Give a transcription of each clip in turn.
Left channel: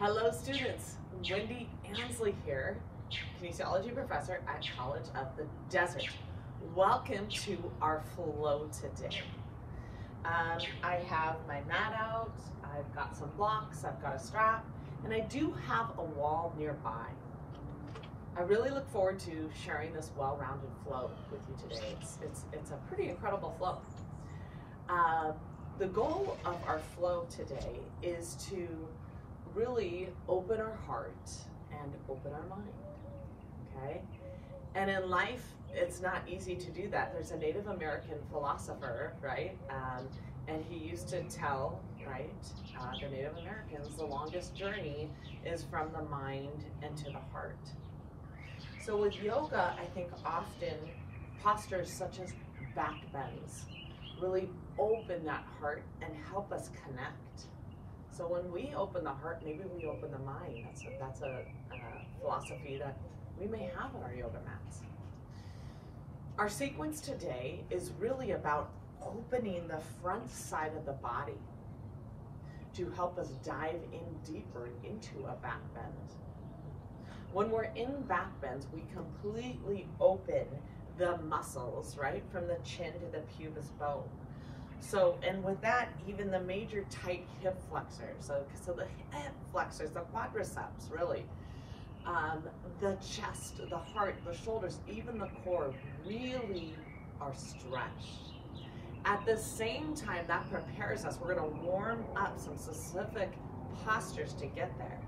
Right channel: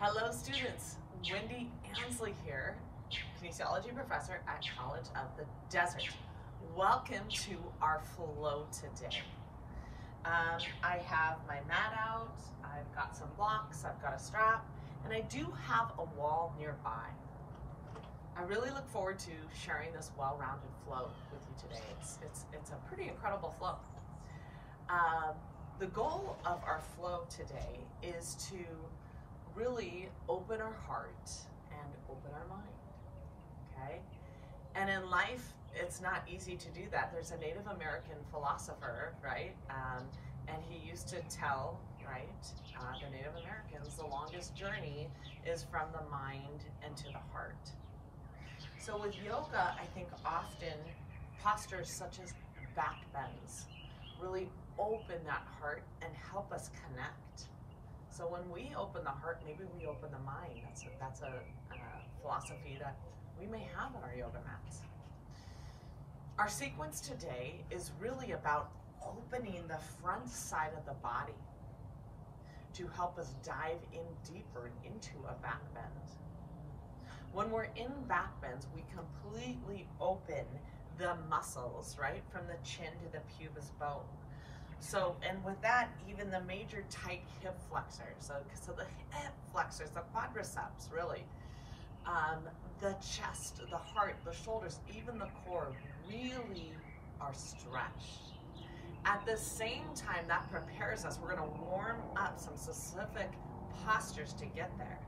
Hello students, Wendy Ansley here, kinesiology professor at College of the Desert. Welcome to our flow today. I have my mat out, I've got some blocks, I've got a strap, and I do have a wall nearby. I really look forward to sharing this well-rounded flow with you today. It's a pretty incredible flow. The goal of our flow today is to really open our heart and open our mind, okay? And in life, it's not easy to do that. There's a Native American philosopher, right? And he used to tell, right, the Native Americans, the longest journey is from the mind and to the heart. So with yoga, I think often postures such as back bends really open that heart and help us connect. So when we open the heart, maybe we open the mind. That's a philosophy that we may have on our yoga mats. Our sequence today is really about opening the front side of the body to help us dive in deeper into a back bend. When we're in back bends, we completely open the muscles, right? From the chin to the pubis bone. So, and with that, even the major tight hip flexors, so the hip flexors, the quadriceps, really, the chest, the heart, the shoulders, even the core really are stretched. At the same time, that prepares us. We're going to warm up some specific postures to get there.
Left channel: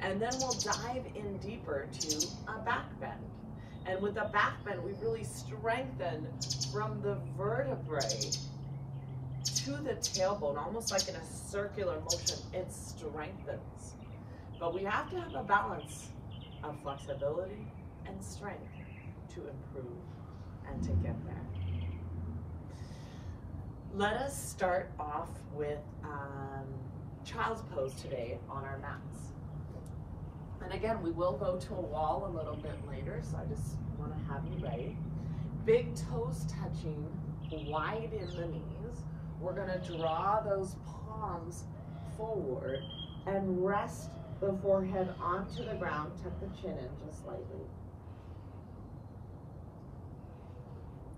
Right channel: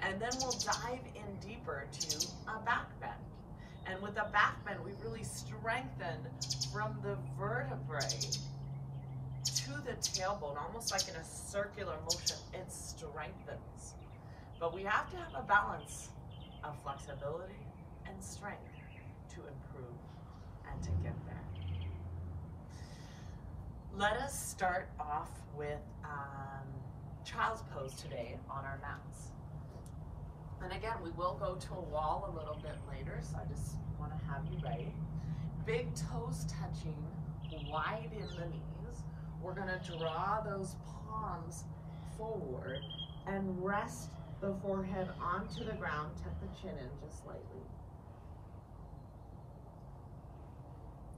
And then we'll dive in deeper to a back bend. And with the back bend, we really strengthen from the vertebrae to the tailbone, almost like in a circular motion. It strengthens. But we have to have a balance of flexibility and strength to improve and to get there. Let us start off with child's pose today on our mats. And again, we will go to a wall a little bit later, so I just want to have you ready. Big toes touching, wide in the knees. We're going to draw those palms forward and rest the forehead onto the ground. Tuck the chin in just slightly.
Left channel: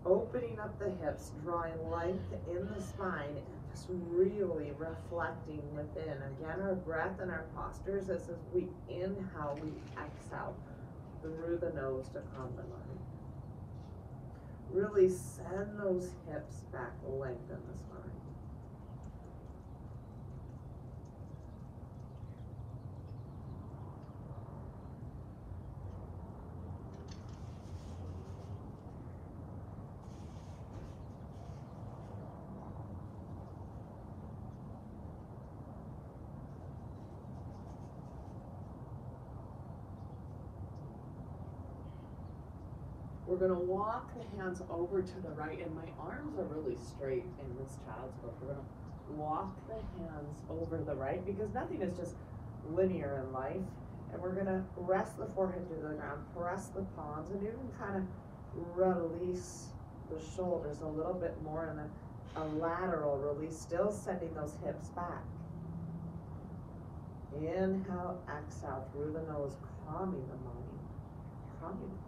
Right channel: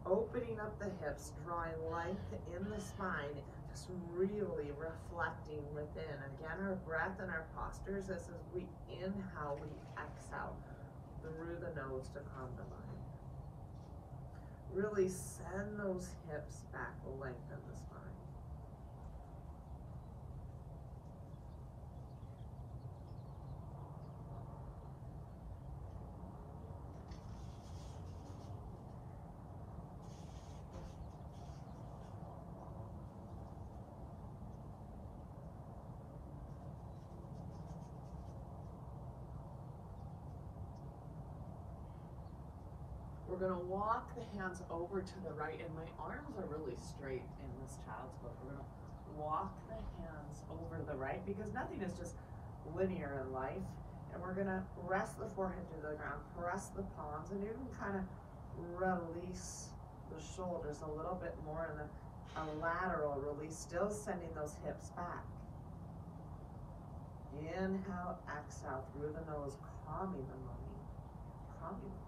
Opening up the hips, drawing length in the spine, and just really reflecting within. Again, our breath and our postures, this is we inhale, we exhale through the nose to calm the mind. Really send those hips back, lengthen the spine. We're going to walk the hands over to the right, and my arms are really straight in this child's pose. We're going to walk the hands over the right because nothing is just linear in life. And we're going to rest the forehead to the ground, press the palms, and you can kind of release the shoulders a little bit more in a lateral release, still sending those hips back. Inhale, exhale through the nose, calming the mind, calming the heart.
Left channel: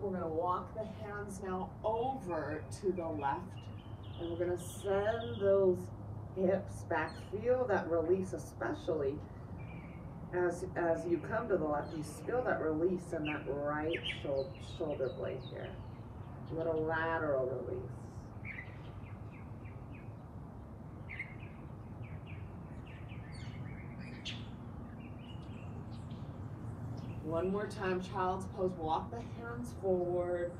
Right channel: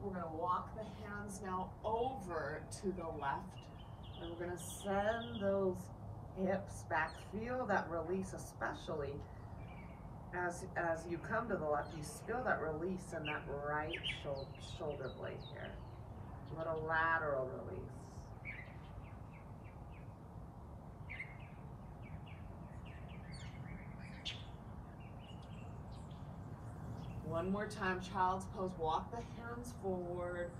We're going to walk the hands now over to the left, and we're going to send those hips back. Feel that release, especially as you come to the left. You feel that release in that right shoulder blade here. A little lateral release. One more time, child's pose. Walk the hands forward,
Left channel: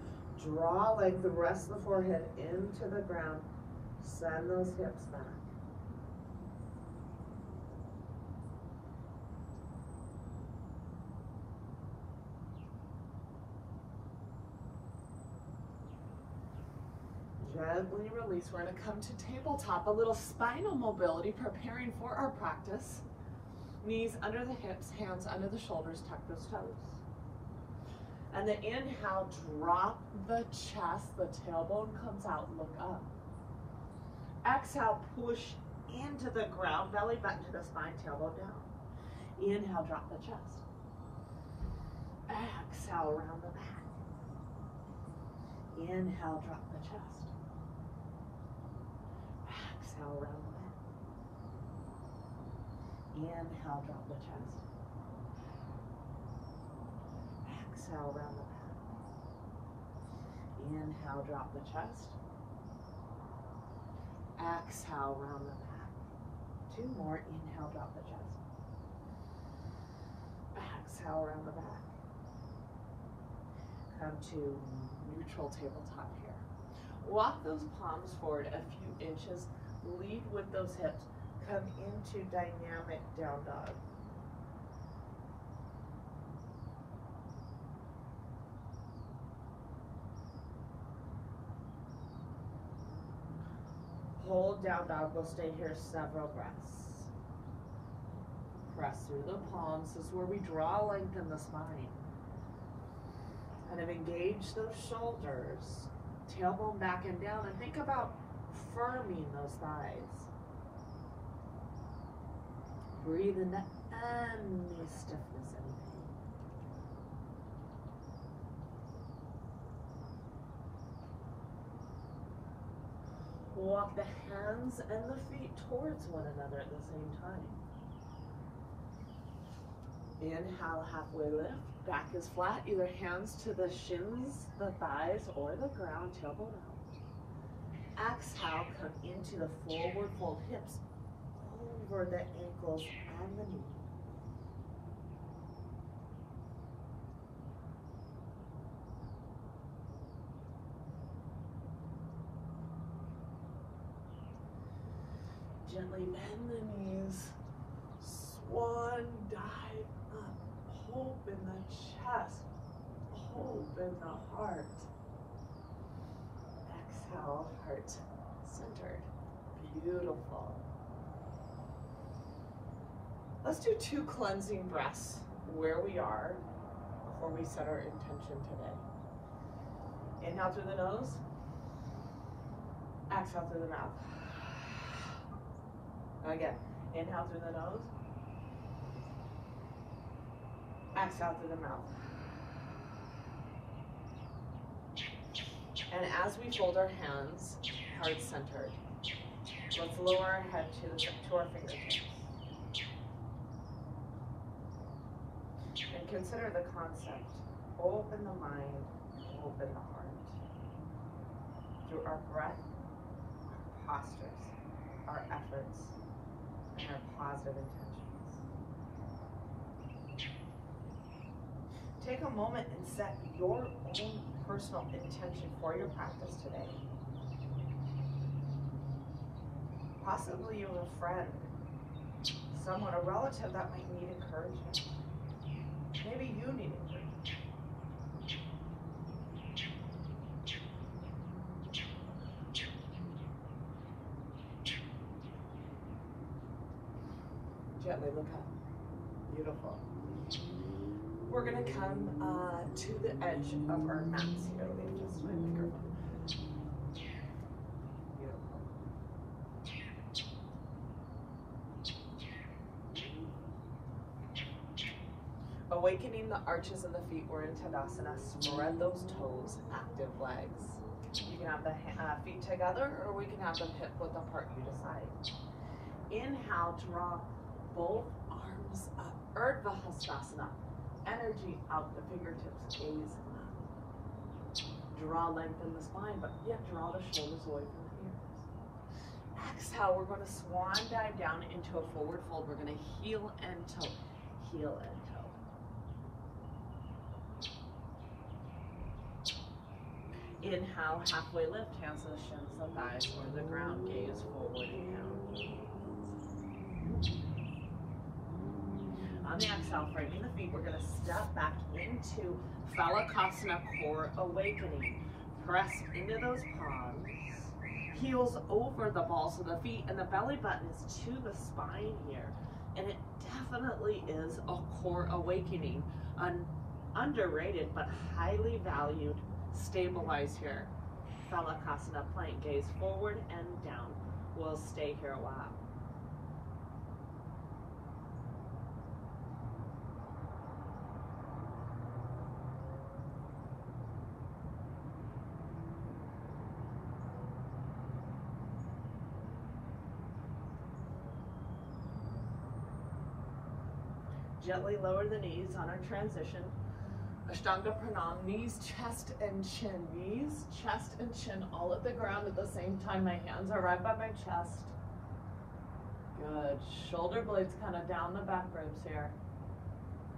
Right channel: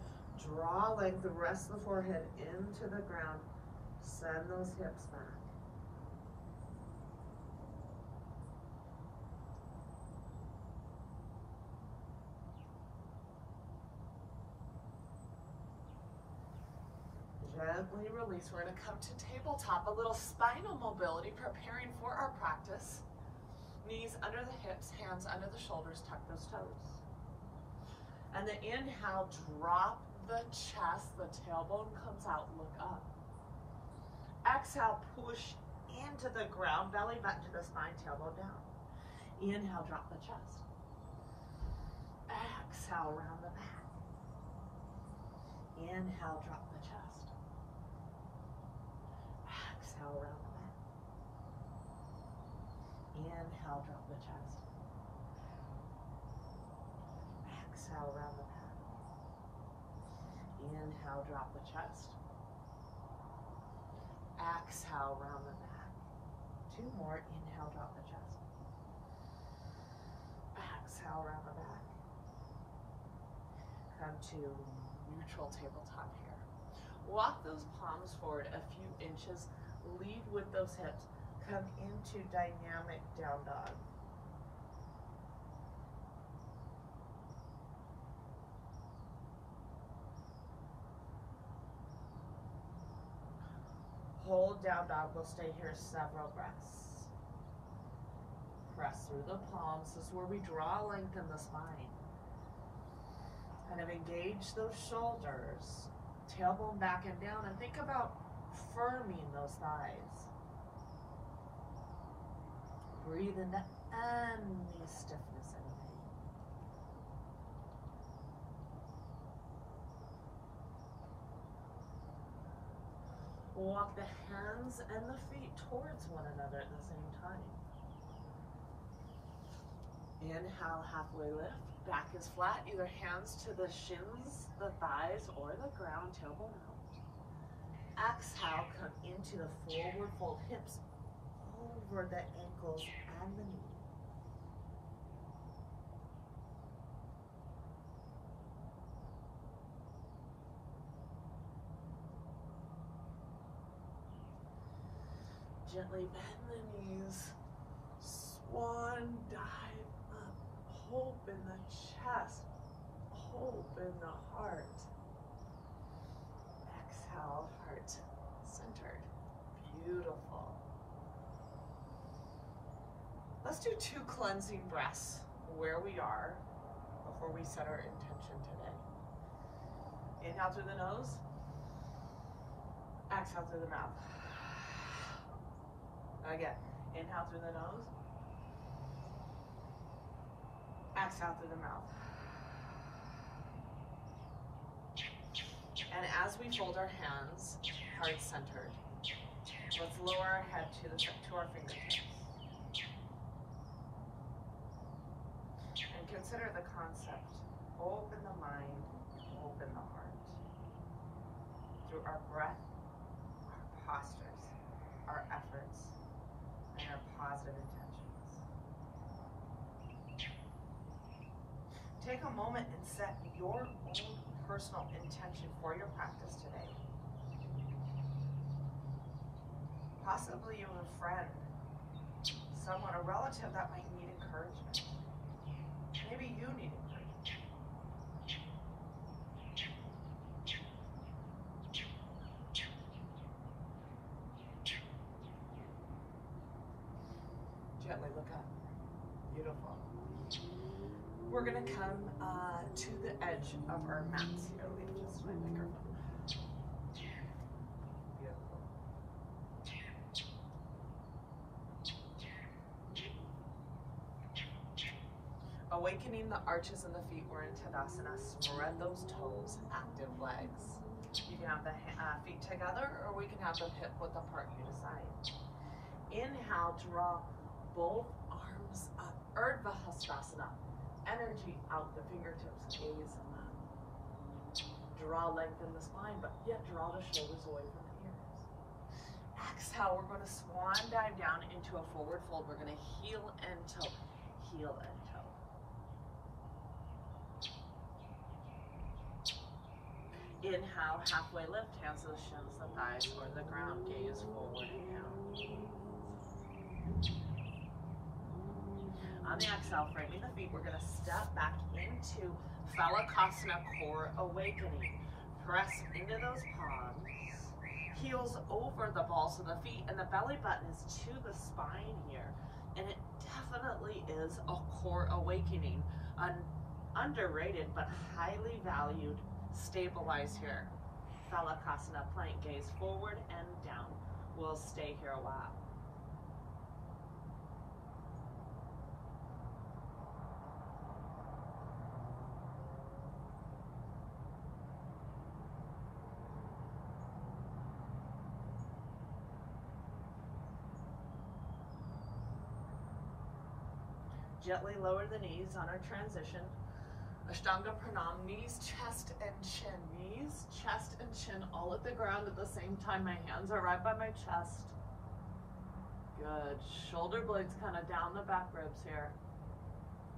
draw length, rest the forehead into the ground, send those hips back. Gently release. We're going to come to tabletop, a little spinal mobility, preparing for our practice. Knees under the hips, hands under the shoulders, tuck those toes. And the inhale, drop the chest, the tailbone comes out, look up. Exhale, push into the ground, belly button to the spine, tailbone down. Inhale, drop the chest. Exhale, around the back. Inhale, drop the chest. Exhale, around the back. Inhale, drop the chest. Exhale, around the back. Inhale, drop the chest. Exhale, round the back. 2 more. Inhale, drop the chest. Exhale, round the back. Come to neutral tabletop here. Walk those palms forward a few inches. Lead with those hips. Come into dynamic down dog. Hold down dog. We'll stay here several breaths. Press through the palms. This is where we draw length in the spine. Kind of engage those shoulders. Tailbone back and down. And think about firming those thighs. Breathe into any stiffness, any pain. Walk the hands and the feet towards one another at the same time. Inhale, halfway lift. Back is flat, either hands to the shins, the thighs, or the ground, tailbone out. Exhale, come into the forward fold, hips over the ankles and the knees. Gently bend the knees, swan dive up, hope in the chest, hope in the heart. Exhale, heart centered. Beautiful. Let's do 2 cleansing breaths where we are before we set our intention today. Inhale through the nose, exhale through the mouth. Again, inhale through the nose, exhale through the mouth. And as we fold our hands, heart centered, let's lower our head to our fingertips. And consider the concept. Open the mind, open the heart. Through our breath, our postures, our efforts, and our positive intentions. Take a moment and set your own personal intention for your practice today. Possibly you have a friend, someone, a relative that might need encouragement. Maybe you need encouragement. Gently look up. Beautiful. We're going to come to the edge of our mats here. Let me adjust my microphone. Beautiful. Awakening the arches in the feet. We're in Tadasana. Spread those toes, active legs. You can have the feet together, or we can have them hip width apart, you decide. Inhale, draw both arms up. Urdhva Hastasana. Energy out the fingertips, gaze up. Draw length in the spine, but yet draw the shoulders away from the ears. Exhale, we're going to swan dive down into a forward fold. We're going to heel and toe, heel and toe. Inhale, halfway lift, hands to the shins, the thighs, or the ground, gaze forward and down. On the exhale, framing the feet, we're going to step back into Phalakasana, core awakening. Press into those palms, heels over the balls of the feet, and the belly button is to the spine here. And it definitely is a core awakening, a underrated but highly valued. Stabilize here. Thalakasana plank, gaze forward and down. We'll stay here a while. Gently lower the knees on our transition. Ashtanga Pranam, knees, chest, and chin. Knees, chest, and chin all at the ground at the same time. My hands are right by my chest. Good. Shoulder blades kind of down the back ribs here.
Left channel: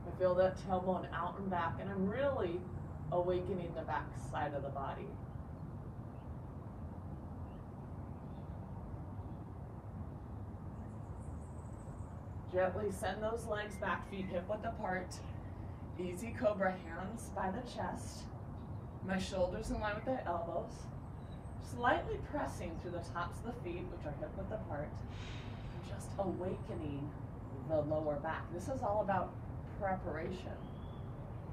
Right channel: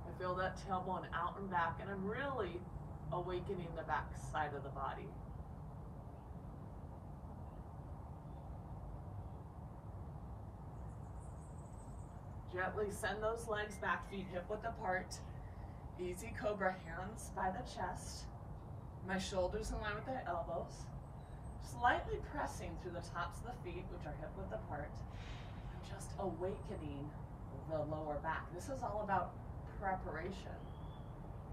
I feel that tailbone out and back, and I'm really awakening the back side of the body. Gently send those legs back, feet hip width apart. Easy Cobra, hands by the chest. My shoulders in line with the elbows. Slightly pressing through the tops of the feet, which are hip width apart. And just awakening the lower back. This is all about preparation,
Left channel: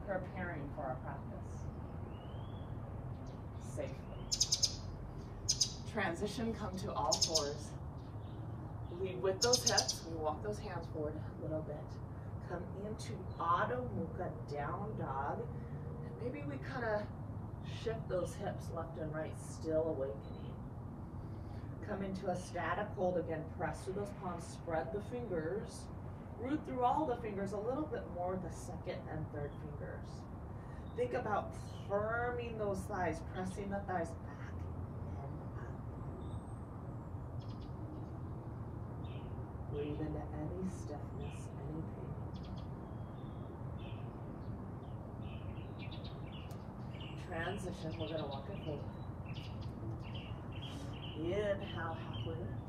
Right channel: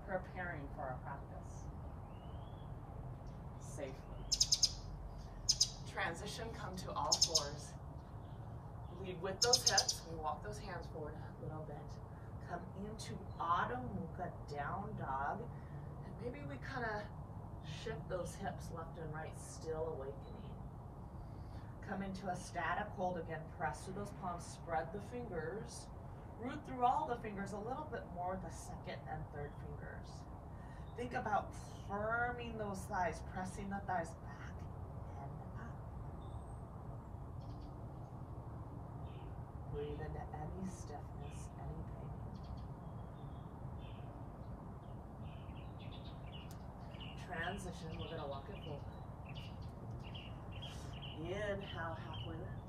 preparing for our practice safely. Transition, come to all fours. Lead with those hips. We walk those hands forward a little bit. Come into Adho Mukha, down dog. And maybe we kind of shift those hips left and right, still awakening. Come into a static hold again. Press through those palms. Spread the fingers. Root through all the fingers a little bit more with the second and third fingers. Think about firming those thighs, pressing the thighs back and up. Breathe into any stiffness, any pain. Transition, we're going to walk it forward. Inhale, halfway lift.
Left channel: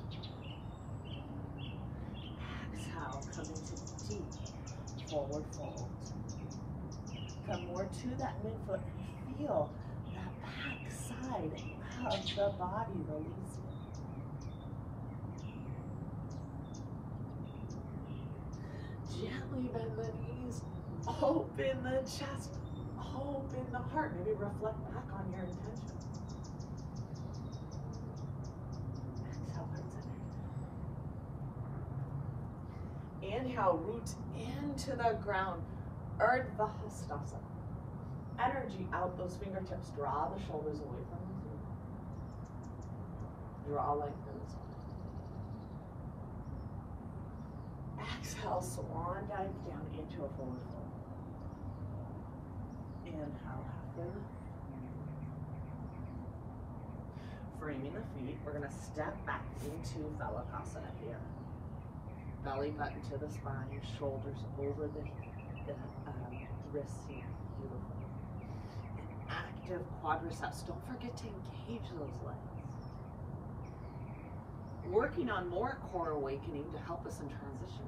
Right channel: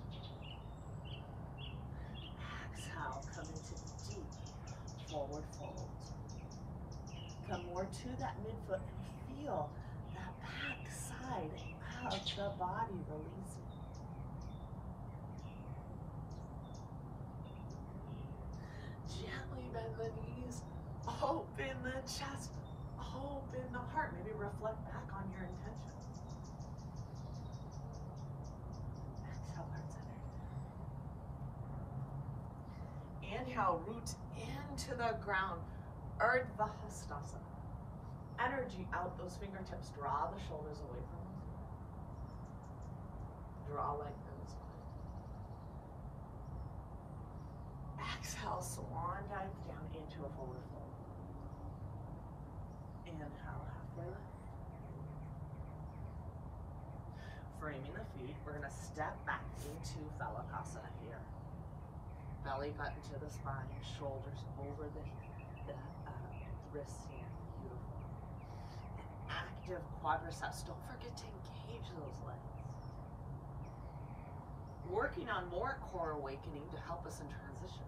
Exhale, come into deep forward fold. Come more to that midfoot and feel that back side of the body releasing. Gently bend the knees, open the chest, open the heart. Maybe reflect back on your intention. Exhale, heart centered. Inhale, root into the ground. Urdhva Hastasana. Energy out those fingertips. Draw the shoulders away from the floor. Draw length in the spine. Exhale, swan dive down into a forward fold. Inhale, halfway lift. Framing the feet, we're going to step back into Thalakasana here. Belly button to the spine, shoulders over the wrists here. Beautiful. And active quadriceps. Don't forget to engage those legs. Working on more core awakening to help us in transitions.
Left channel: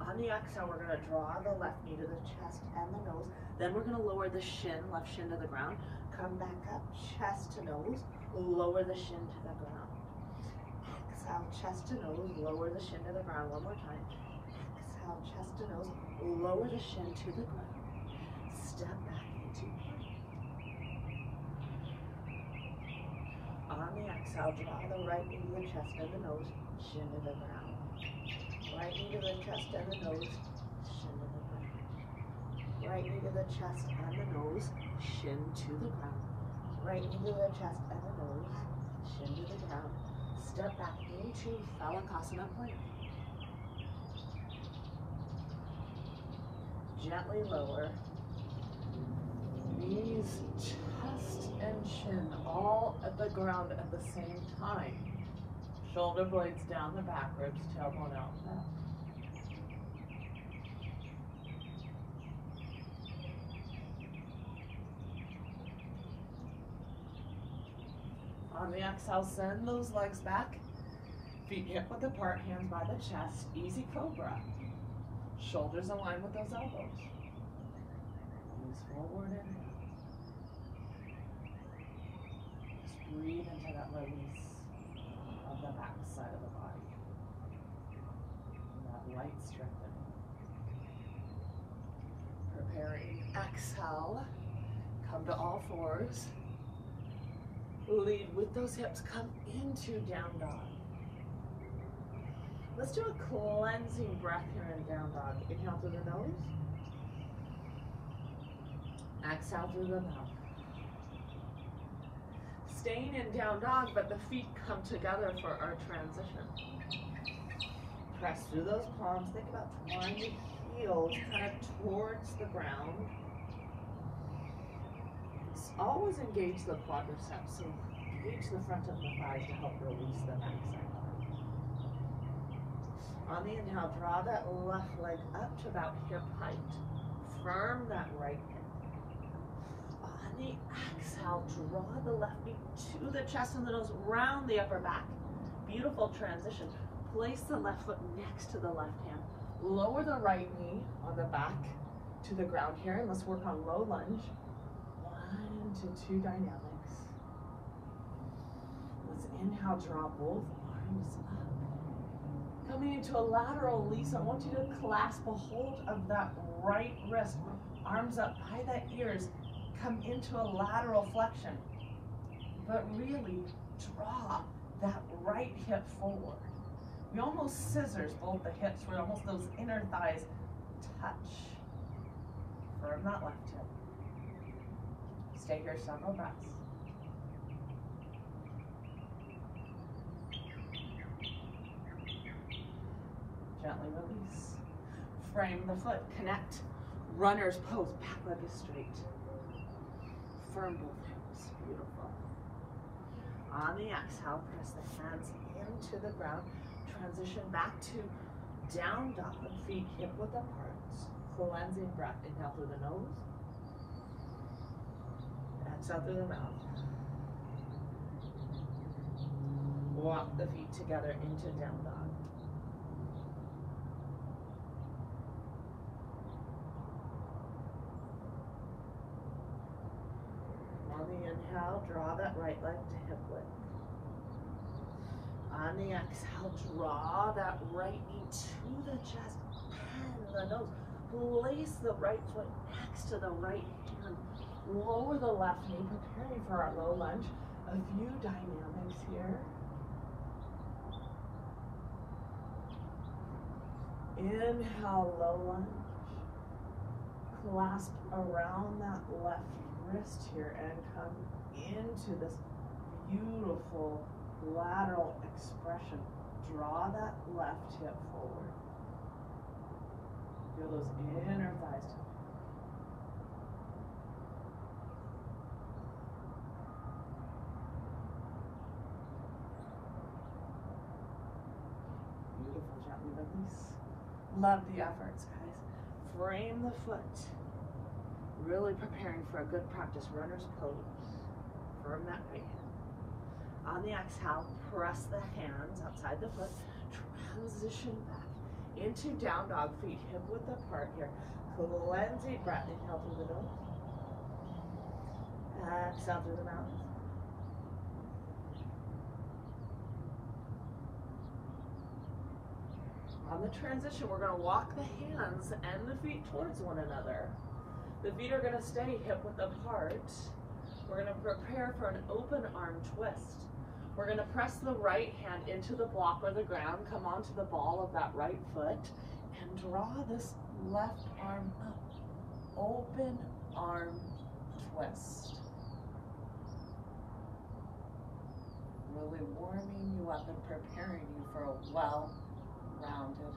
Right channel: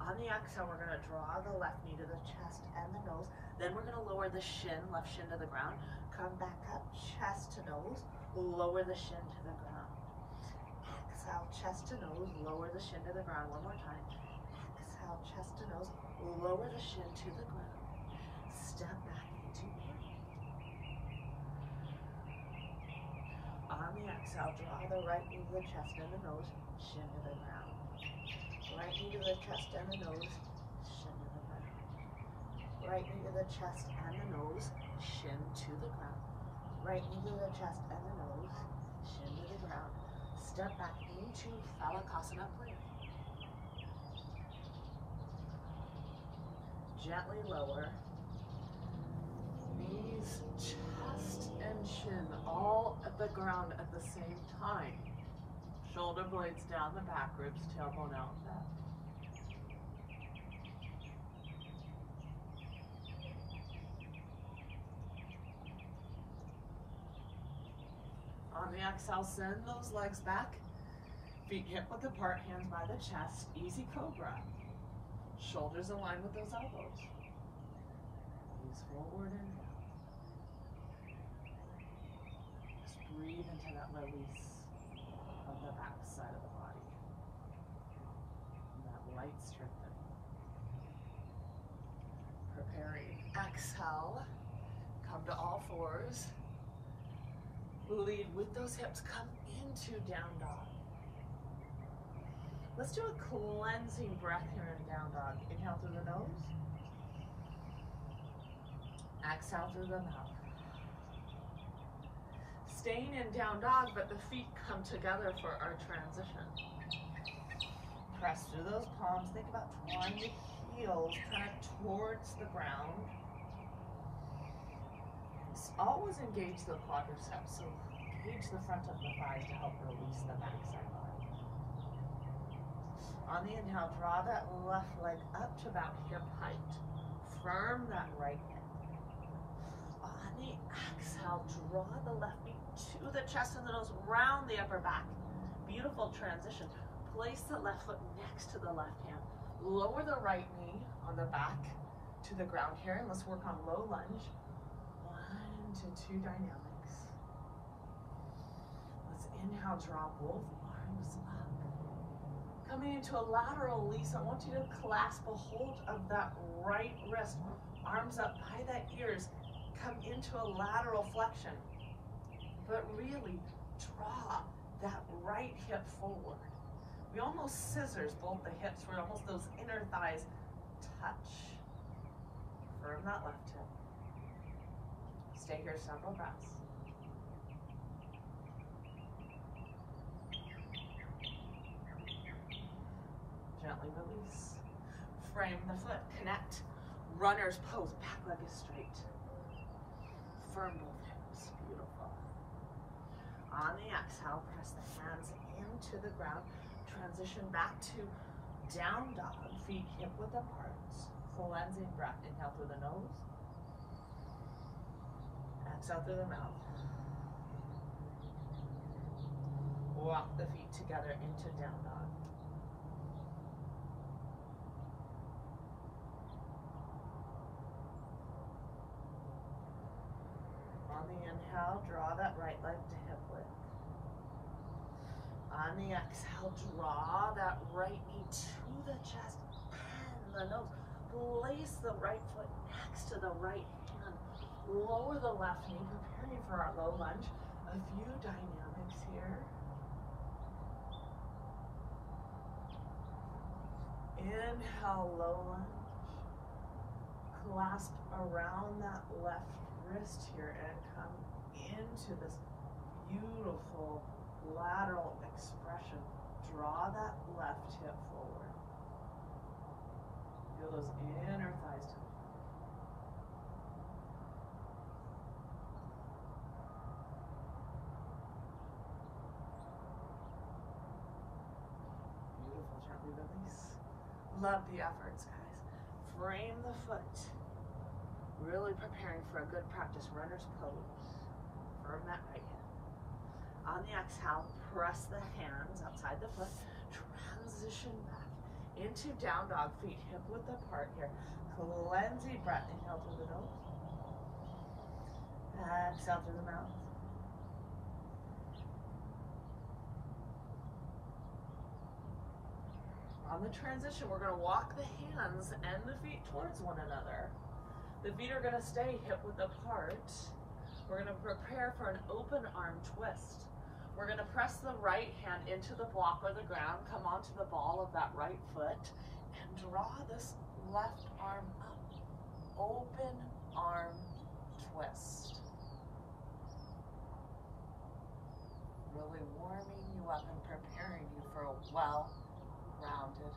On the exhale, we're going to draw the left knee to the chest and the nose. Then we're going to lower the shin, left shin to the ground. Come back up, chest to nose. Lower the shin to the ground. Exhale, chest to nose. Lower the shin to the ground one more time. Exhale, chest to nose. Lower the shin to the ground. Step back into plank. On the exhale, draw the right knee to the chest and the nose. Shin to the ground. Right knee to the chest and the nose, shin to the ground. Right knee to the chest and the nose, shin to the ground. Right knee to the chest and the nose, shin to the ground. Step back into Thalakasana plank. Gently lower. Knees, chest, and chin all at the ground at the same time. Shoulder blades down the back ribs, tailbone out and back. On the exhale, send those legs back. Feet hip width apart, hands by the chest. Easy Cobra. Shoulders align with those elbows. Knees forward and down. Just breathe into that release of the back side of the body. And that light strengthening. Preparing Exhale, come to all fours. Lead with those hips, come into down dog. Let's do a cleansing breath here in down dog. Inhale through the nose. Exhale through the mouth. Staying in down dog, but the feet come together for our transition. Press through those palms. Think about drawing the heels kind of towards the ground. Always engage the quadriceps, so engage the front of the thighs to help release the backside body. On the inhale, draw that left leg up to about hip height. Firm that right hip. On the exhale, draw the left knee to the chest and the nose, round the upper back. Beautiful transition. Place the left foot next to the left hand. Lower the right knee on the back to the ground here, and let's work on low lunge. 1 to 2 dynamics. Let's inhale, draw both arms up. Coming into a lateral release, I want you to clasp a hold of that right wrist. Arms up by the ears. Come into a lateral flexion. But really draw that right hip forward. We almost scissors both the hips, where almost those inner thighs touch. Firm that left hip. Stay here several breaths. Gently release. Frame the foot, connect. Runner's pose, back leg is straight. Firm both hips, beautiful. On the exhale, press the hands into the ground. Transition back to down dog, feet hip width apart. Cleansing breath, inhale through the nose. Exhale through the mouth. Walk the feet together into down dog. On the inhale, draw that right leg to hip width. On the exhale, draw that right knee to the chest and the nose. Place the right foot next to the right hand. Lower the left knee, preparing for our low lunge. A few dynamics here. Inhale, low lunge. Clasp around that left wrist here and come into this beautiful lateral expression. Draw that left hip forward. Feel those inner thighs touch. Beautiful, gently release. Love the efforts, guys. Frame the foot. Really preparing for a good practice runner's pose. Firm that right hand. On the exhale, press the hands outside the foot. Transition back into down dog, feet hip width apart here. Cleansing breath. Inhale through the nose. Exhale through the mouth. On the transition, we're going to walk the hands and the feet towards one another. The feet are going to stay hip width apart. We're going to prepare for an open arm twist. We're going to press the right hand into the block or the ground, come onto the ball of that right foot, and draw this left arm up. Open arm twist. Really warming you up and preparing you for a well-rounded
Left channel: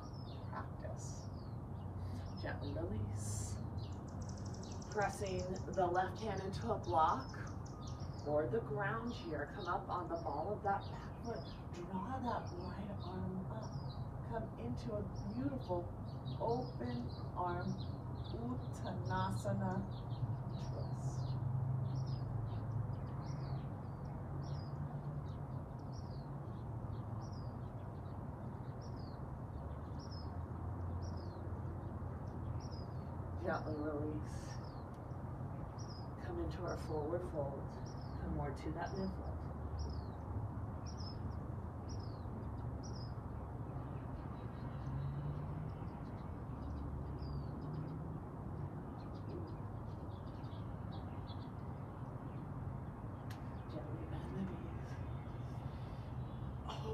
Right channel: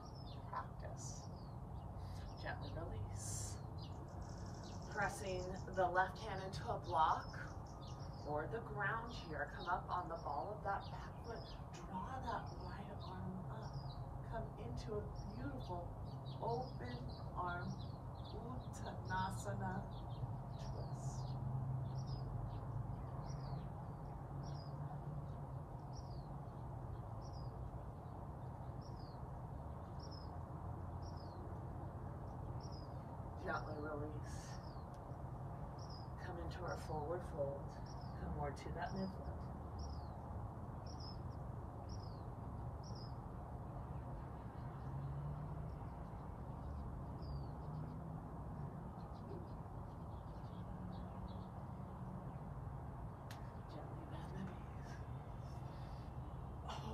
practice. Gently release. Pressing the left hand into a block or the ground here. Come up on the ball of that back foot. Draw that right arm up. Come into a beautiful open arm Uttanasana twist. Gently release. Come into our forward fold. Come more to that midfoot.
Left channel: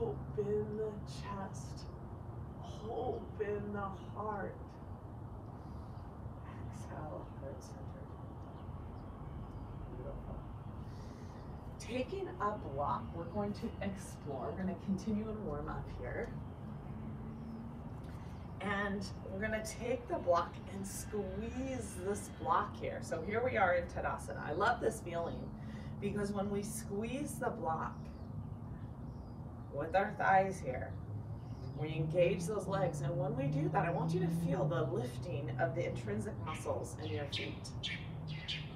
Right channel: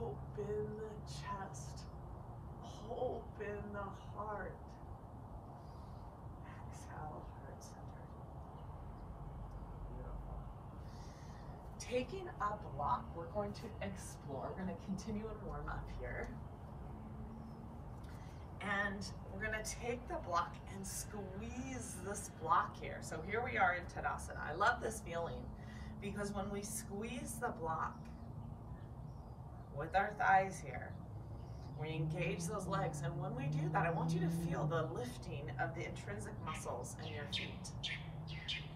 Open the chest. Open the heart. Exhale, heart centered. Beautiful. Taking a block, we're going to explore. We're going to continue and warm up here. And we're going to take the block and squeeze this block here. So here we are in Tadasana. I love this feeling because when we squeeze the block with our thighs here, we engage those legs. And when we do that, I want you to feel the lifting of the intrinsic muscles in your feet.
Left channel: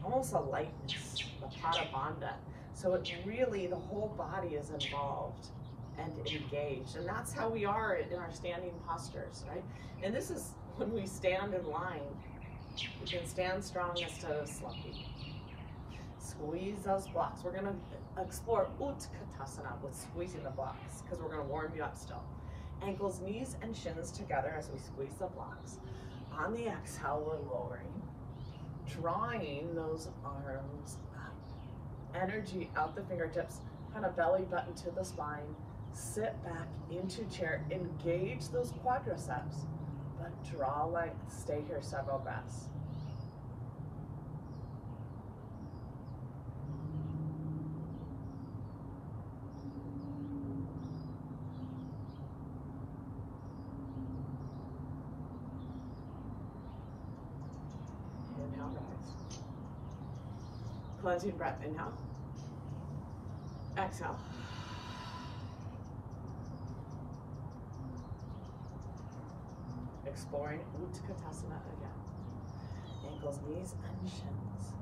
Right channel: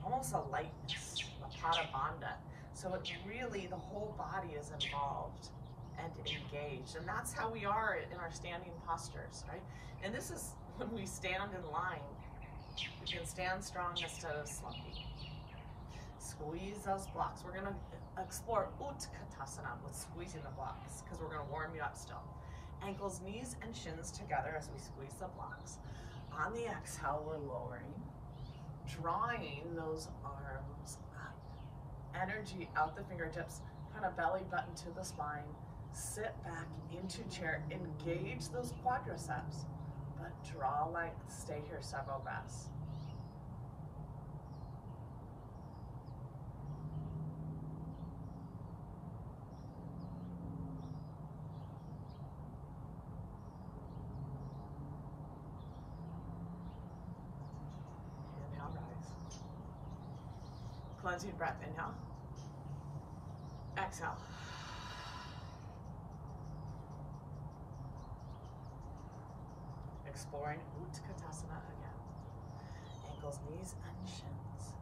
Almost a lightness, the Pada Bandha. So it really, the whole body is involved and engaged. And that's how we are in our standing postures, right? And this is when we stand in line. We can stand strong instead of slumpy. Squeeze those blocks. We're gonna explore Utkatasana with squeezing the blocks because we're gonna warm you up still. Ankles, knees, and shins together as we squeeze the blocks. On the exhale, we're lowering, drawing those arms up. Energy out the fingertips, kind of belly button to the spine. Sit back into chair, engage those quadriceps, but draw length. Stay here several breaths. Inhale, rise. Cleansing breath, inhale. Exhale. Exploring Utkatasana again. Ankles, knees, and shins.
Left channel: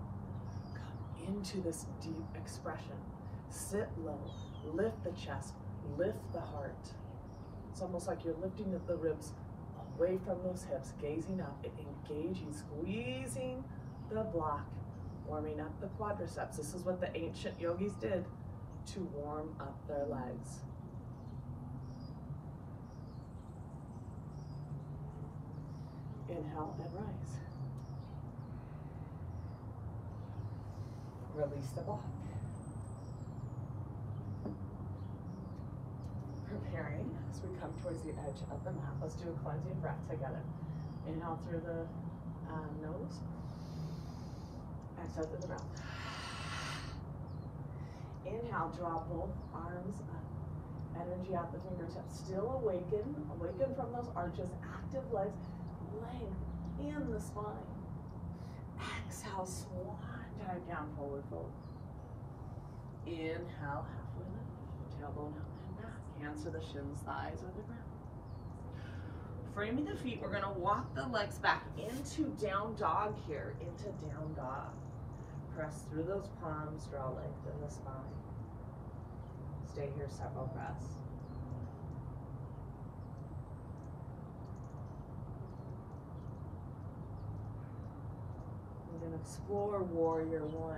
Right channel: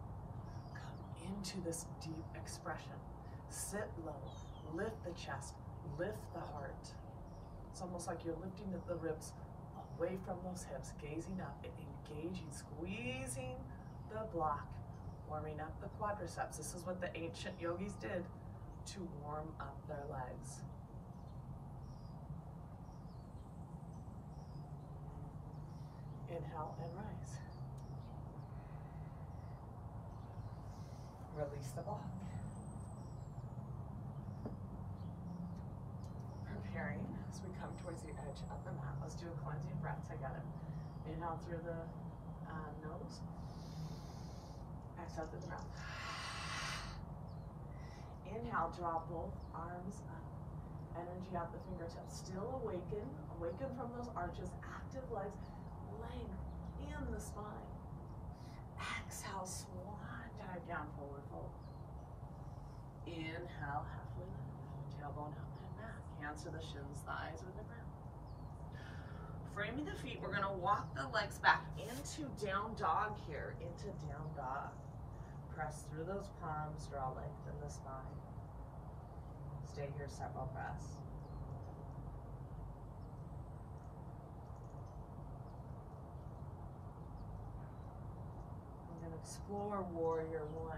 Come into this deep expression. Sit low, lift the chest, lift the heart. It's almost like you're lifting the ribs away from those hips, gazing up and engaging, squeezing the block, warming up the quadriceps. This is what the ancient yogis did to warm up their legs. Inhale and rise. Release the block. Preparing as we come towards the edge of the mat. Let's do a cleansing breath together. Inhale through the nose. Exhale through the mouth. Inhale, draw both arms up. Energy out the fingertips. Still awaken. Awaken from those arches. Active legs. Length in the spine. Exhale, swan dive down, forward fold. Inhale, halfway lift. Tailbone up and back. Hands to the shins, thighs or the ground. Framing the feet, we're going to walk the legs back into down dog here, into down dog. Press through those palms, draw length in the spine. Stay here several breaths. We're going to explore Warrior One.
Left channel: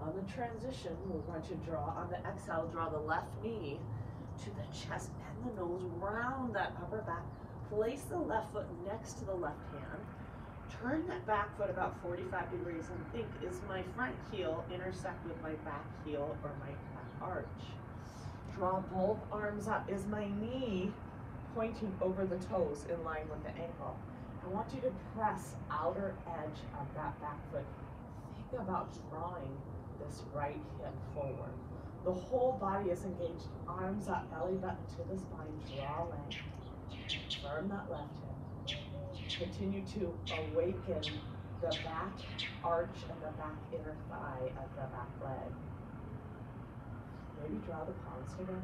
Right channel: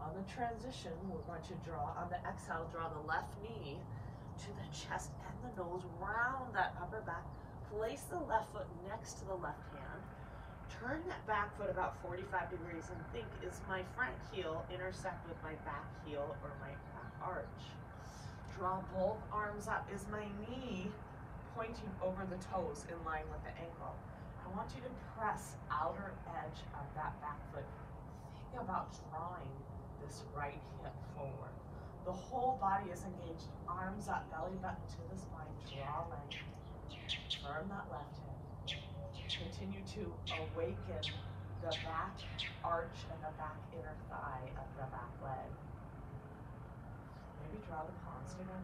On the transition, we're going to draw, on the exhale, draw the left knee to the chest and the nose, round that upper back. Place the left foot next to the left hand. Turn that back foot about 45 degrees and think, is my front heel intersect with my back heel or my back arch? Draw both arms up. Is my knee pointing over the toes in line with the ankle? I want you to press outer edge of that back foot. Think about drawing this right hip forward. The whole body is engaged. Arms up, belly button to the spine. Draw length. Firm that left hip. Continue to awaken the back arch and the back inner thigh of the back leg. Maybe draw the palms together.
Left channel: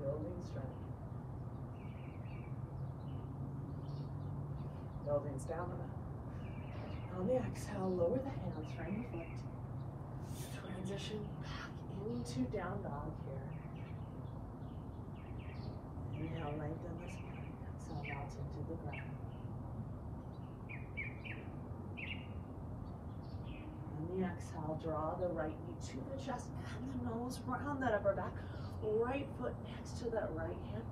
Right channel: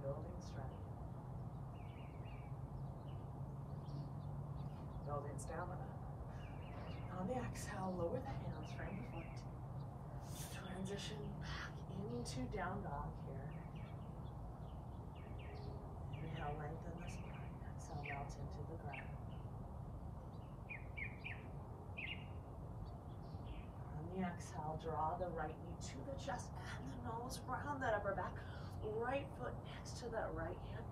Building strength. Building stamina. On the exhale, lower the hands, frame the foot. Transition back into down dog here. Inhale, lengthen the spine. Exhale, melt into the ground. On the exhale, draw the right knee to the chest and the nose, round that upper back. Right foot next to that right hand.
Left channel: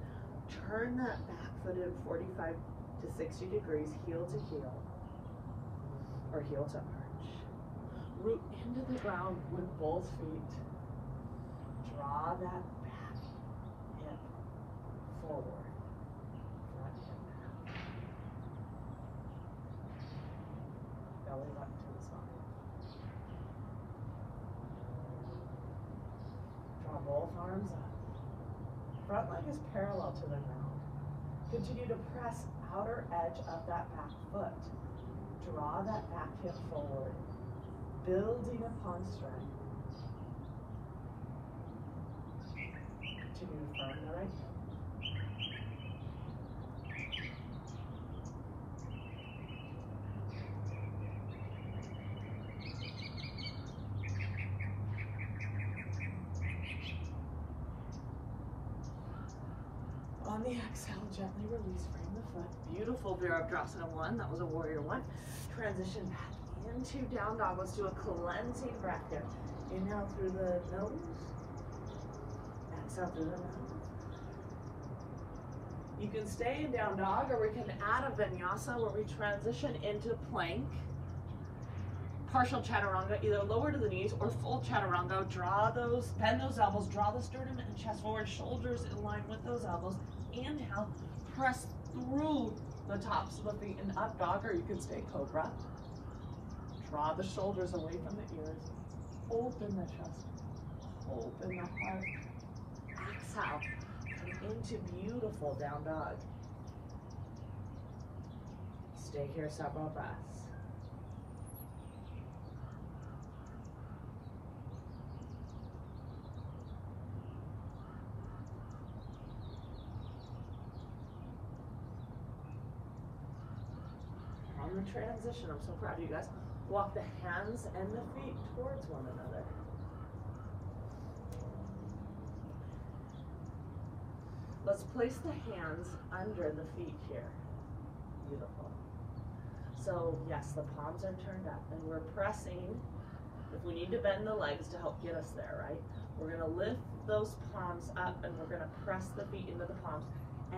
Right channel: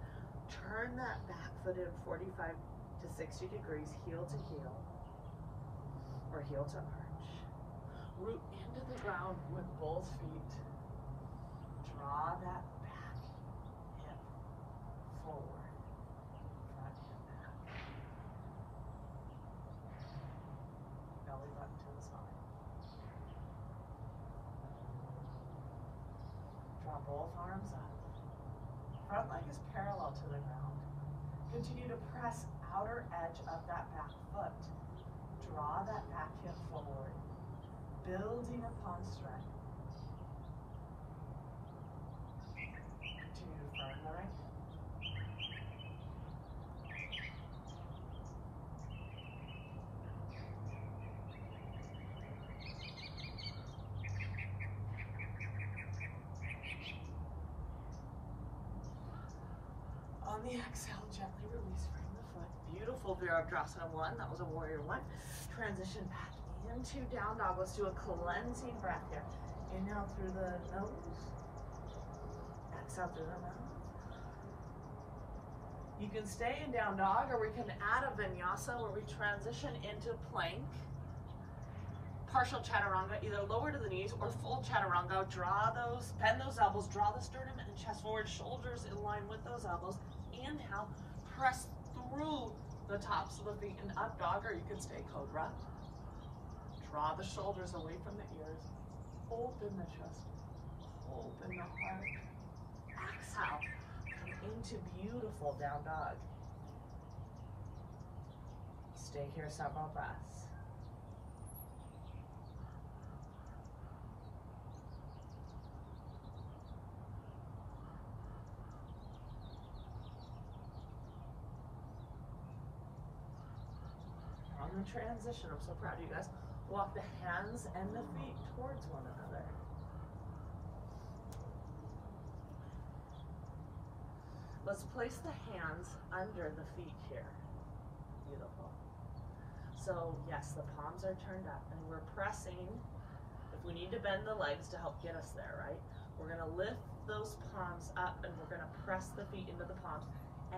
Turn that back foot in 45 to 60 degrees, heel to heel, or heel to arch. Root into the ground with both feet. Draw that back hip forward. Front hip back. Belly button to the spine. Draw both arms up. Front leg is parallel to the ground. Continue to press outer edge of that back foot. Draw that back hip forward, building upon strength. Continue to firm the right hip. On the exhale, gently release, frame the foot. Beautiful Virabhadrasana 1. That was a warrior 1. Transition back into down dog. Let's do a cleansing breath here. Inhale through the nose. Exhale through the mouth. You can stay in down dog, or we can add a vinyasa where we transition into plank. Partial chaturanga, either lower to the knees or full chaturanga. Draw those, bend those elbows, draw the sternum and chest forward, shoulders in line with those elbows. Inhale, press through the tops of the feet in up dog, or you can stay cobra. Draw the shoulders away from the ears. Open the chest, open the heart. Exhale, come into beautiful down dog. Stay here several breaths. On the transition, I'm so proud of you guys. Walk the hands and the feet towards one another. Let's place the hands under the feet here. Beautiful. So yes, the palms are turned up and we're pressing. If we need to bend the legs to help get us there, right? We're gonna lift those palms up and we're gonna press the feet into the palms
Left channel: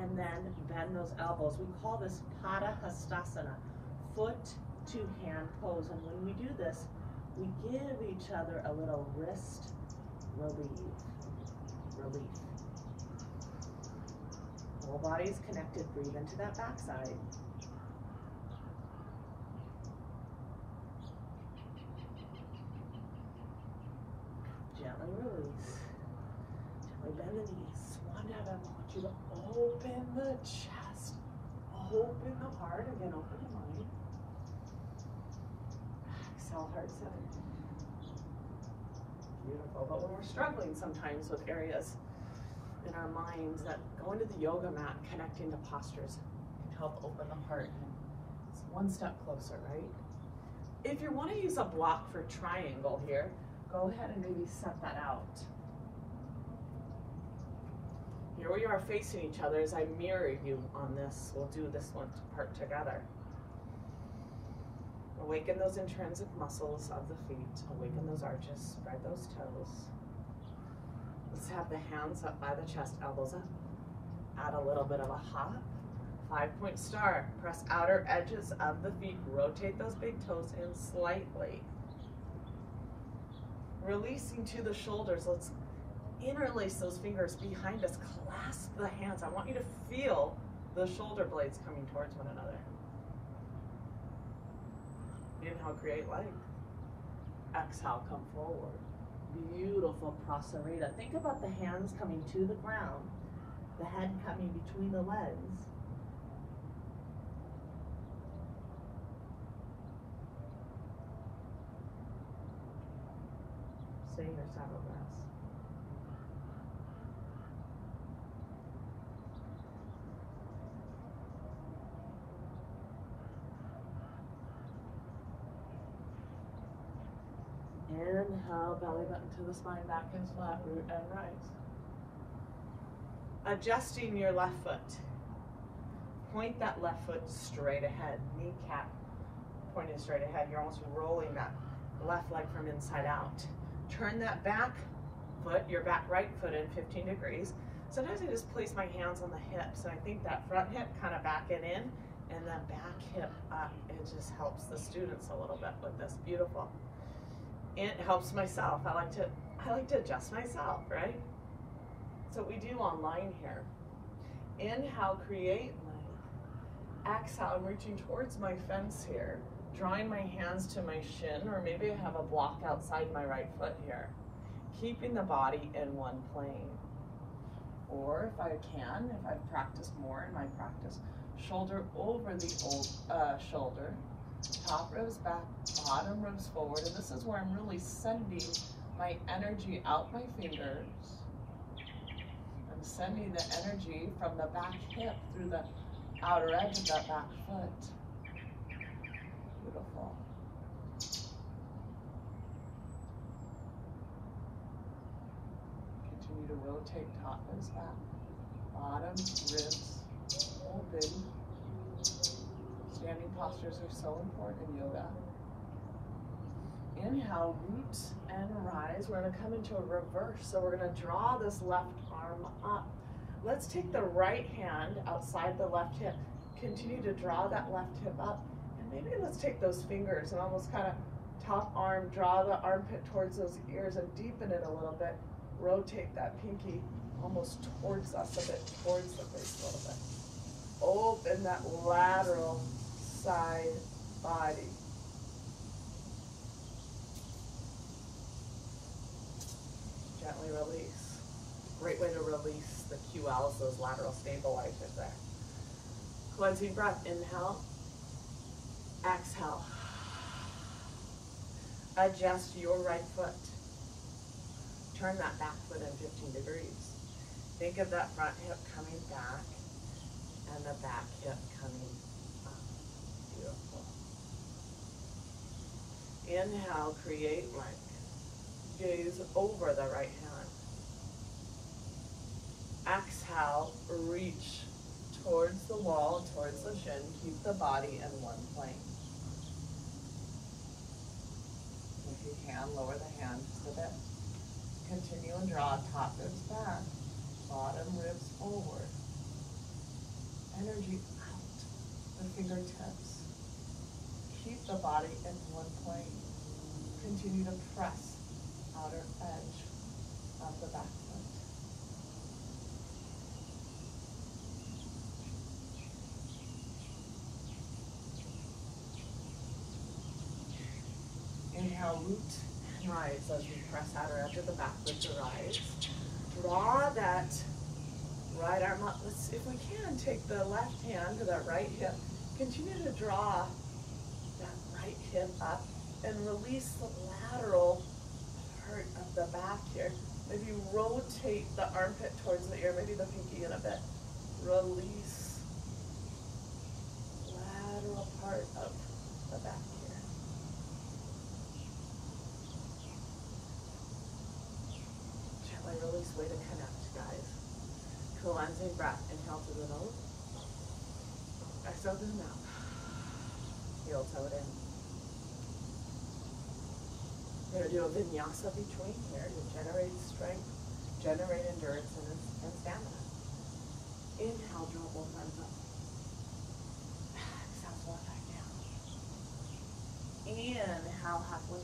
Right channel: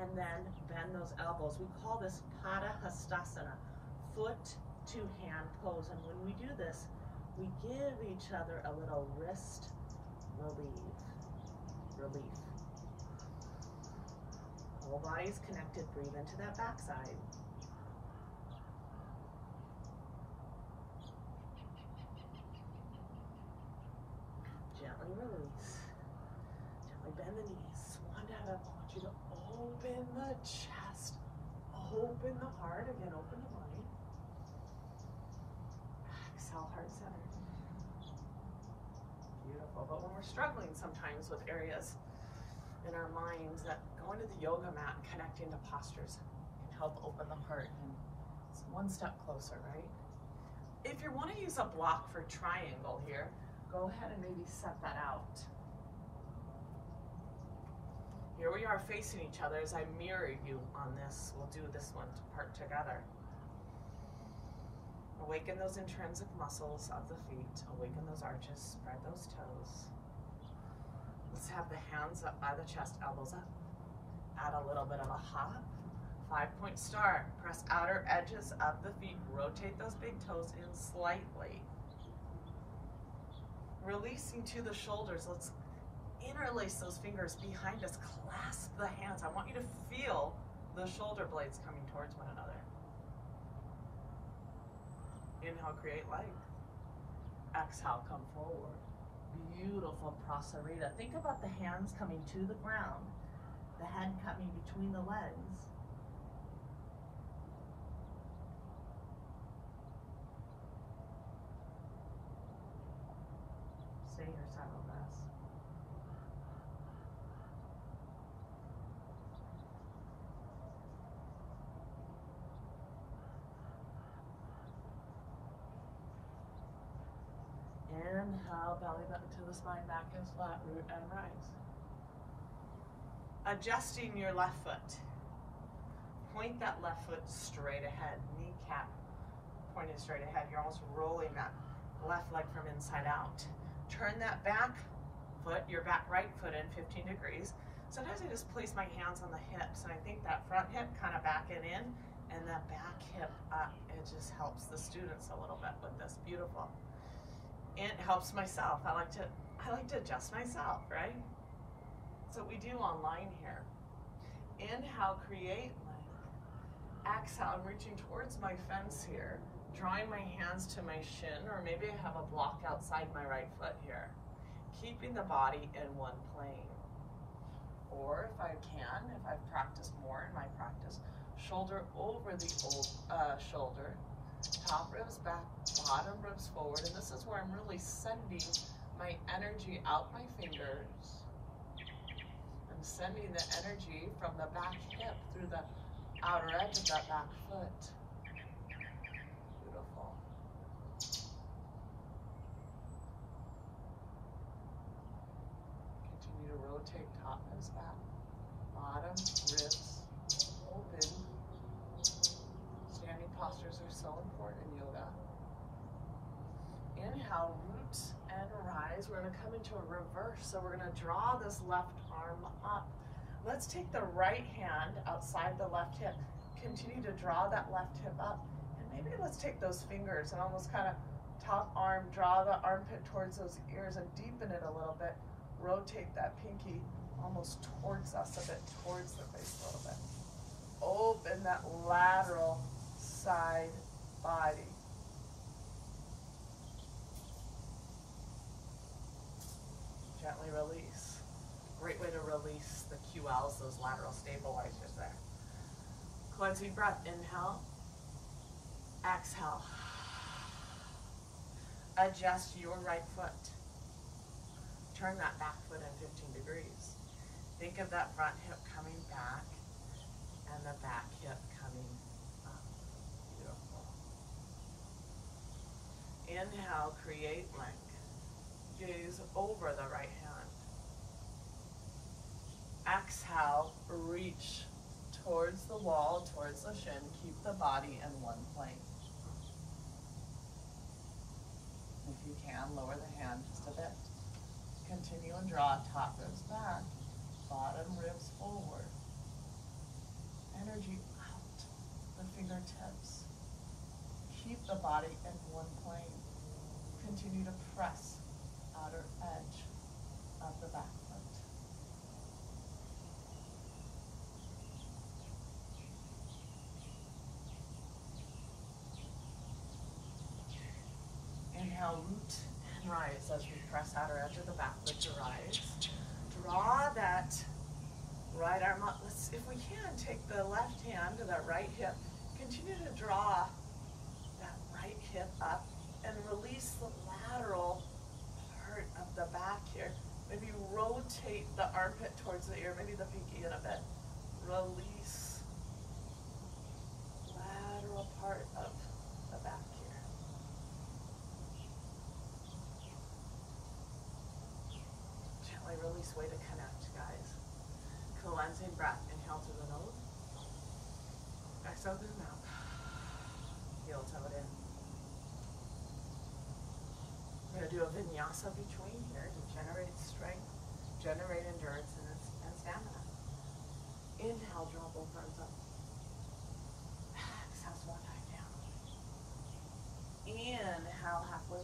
and then bend those elbows. We call this Tadasana, foot to hand pose. And when we do this, we give each other a little wrist relief. Whole body is connected. Breathe into that backside. Gently release. Gently bend the knees. Swan dive. I want you to open the chest. Open the heart. Again, open the mind. Exhale, heart center. Beautiful. But when we're struggling sometimes with areas in our minds, that going to the yoga mat, connecting to postures can help open the heart, and it's one step closer, right? If you want to use a block for triangle here, go ahead and maybe set that out. Here we are facing each other as I mirror you on this. We'll do this one part together. Awaken those intrinsic muscles of the feet. Awaken those arches. Spread those toes. Let's have the hands up by the chest, elbows up. Add a little bit of a hop. 5-point star. Press outer edges of the feet. Rotate those big toes in slightly. Releasing to the shoulders. Let's interlace those fingers behind us. Clasp the hands. I want you to feel the shoulder blades coming towards one another. Inhale, create length. Exhale, come forward. Beautiful Prasarita. Think about the hands coming to the ground, the head coming between the legs. Stay here several breaths. Inhale, belly button to the spine, back and flat, root and rise. Adjusting your left foot. Point that left foot straight ahead. Kneecap pointed straight ahead. You're almost rolling that left leg from inside out. Turn that back foot, your back right foot in 15 degrees. Sometimes I just place my hands on the hips, and I think that front hip kind of backing in and that back hip up. It just helps the students a little bit with this. Beautiful. And it helps myself. I like to adjust myself, right? So we do online here. Inhale, create length. Exhale, I'm reaching towards my fence here, drawing my hands to my shin, or maybe I have a block outside my right foot here. Keeping the body in one plane. Or if I can, if I've practiced more in my practice, shoulder over the old shoulder, top ribs back, bottom ribs forward, and this is where I'm really sending my energy out my fingers. I'm sending the energy from the back hip through the outer edge of that back foot. Beautiful. Continue to rotate top ribs back, bottom ribs open. Standing postures are so important in yoga. Inhale, root and rise. We're going to come into a reverse. So we're going to draw this left arm up. Let's take the right hand outside the left hip. Continue to draw that left hip up. And maybe let's take those fingers and almost kind of top arm, draw the armpit towards those ears and deepen it a little bit. Rotate that pinky almost towards us a bit, towards the face a little bit. Open that lateral side body. Gently release. Great way to release the QLs, those lateral stabilizers there. Cleansing breath. Inhale. Exhale. Adjust your right foot. Turn that back foot in 15 degrees. Think of that front hip coming back and the back hip coming up. Beautiful. Inhale, create length. Gaze over the right hand. Exhale, reach towards the wall, towards the shin. Keep the body in one plane. If you can, lower the hand just a bit. Continue and draw top ribs back, bottom ribs forward. Energy out the fingertips. Keep the body in one plane. Continue to press outer edge of the back foot. Inhale, root and rise as we press outer edge of the back foot to rise. Draw that right arm up. Let's, if we can, take the left hand to that right hip. Continue to draw that right hip up and release the lateral part of the back here. Maybe rotate the armpit towards the ear, maybe the pinky in a bit. Release lateral part of the back here. Gently release, way to connect, guys. Cleansing breath. Inhale through the nose. Exhale through the mouth. Heel toe it in. We're going to do a vinyasa between here to generate strength, generate endurance, and stamina. Inhale, draw both arms up. Exhale, one time down. Inhale, halfway.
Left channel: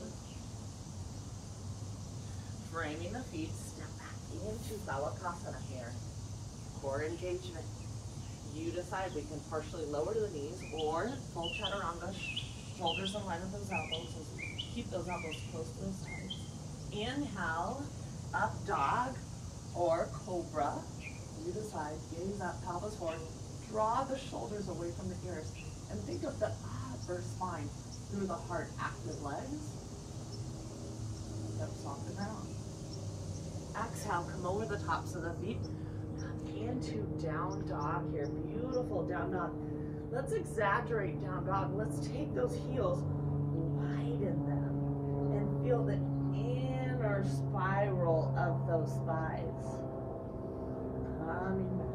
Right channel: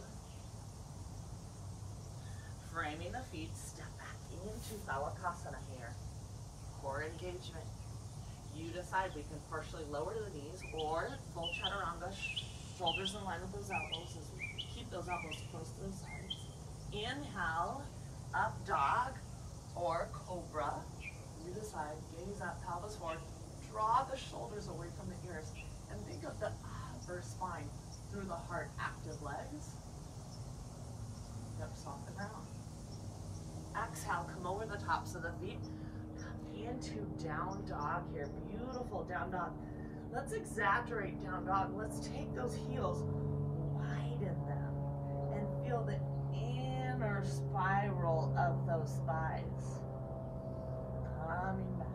Framing the feet, step back into Balasana here. Core engagement. You decide, we can partially lower the knees or full chaturanga, shoulders in line with those elbows as we keep those elbows close to the sides. Inhale, up dog or cobra. You decide, gaze up, pelvis forward. Draw the shoulders away from the ears and think of the upper spine through the heart. Active legs. Hips off the ground. Exhale, come over the tops of the feet. Into down dog here. Beautiful down dog. Let's exaggerate down dog. Let's take those heels, widen them, and feel the inner spiral of those thighs. Coming back.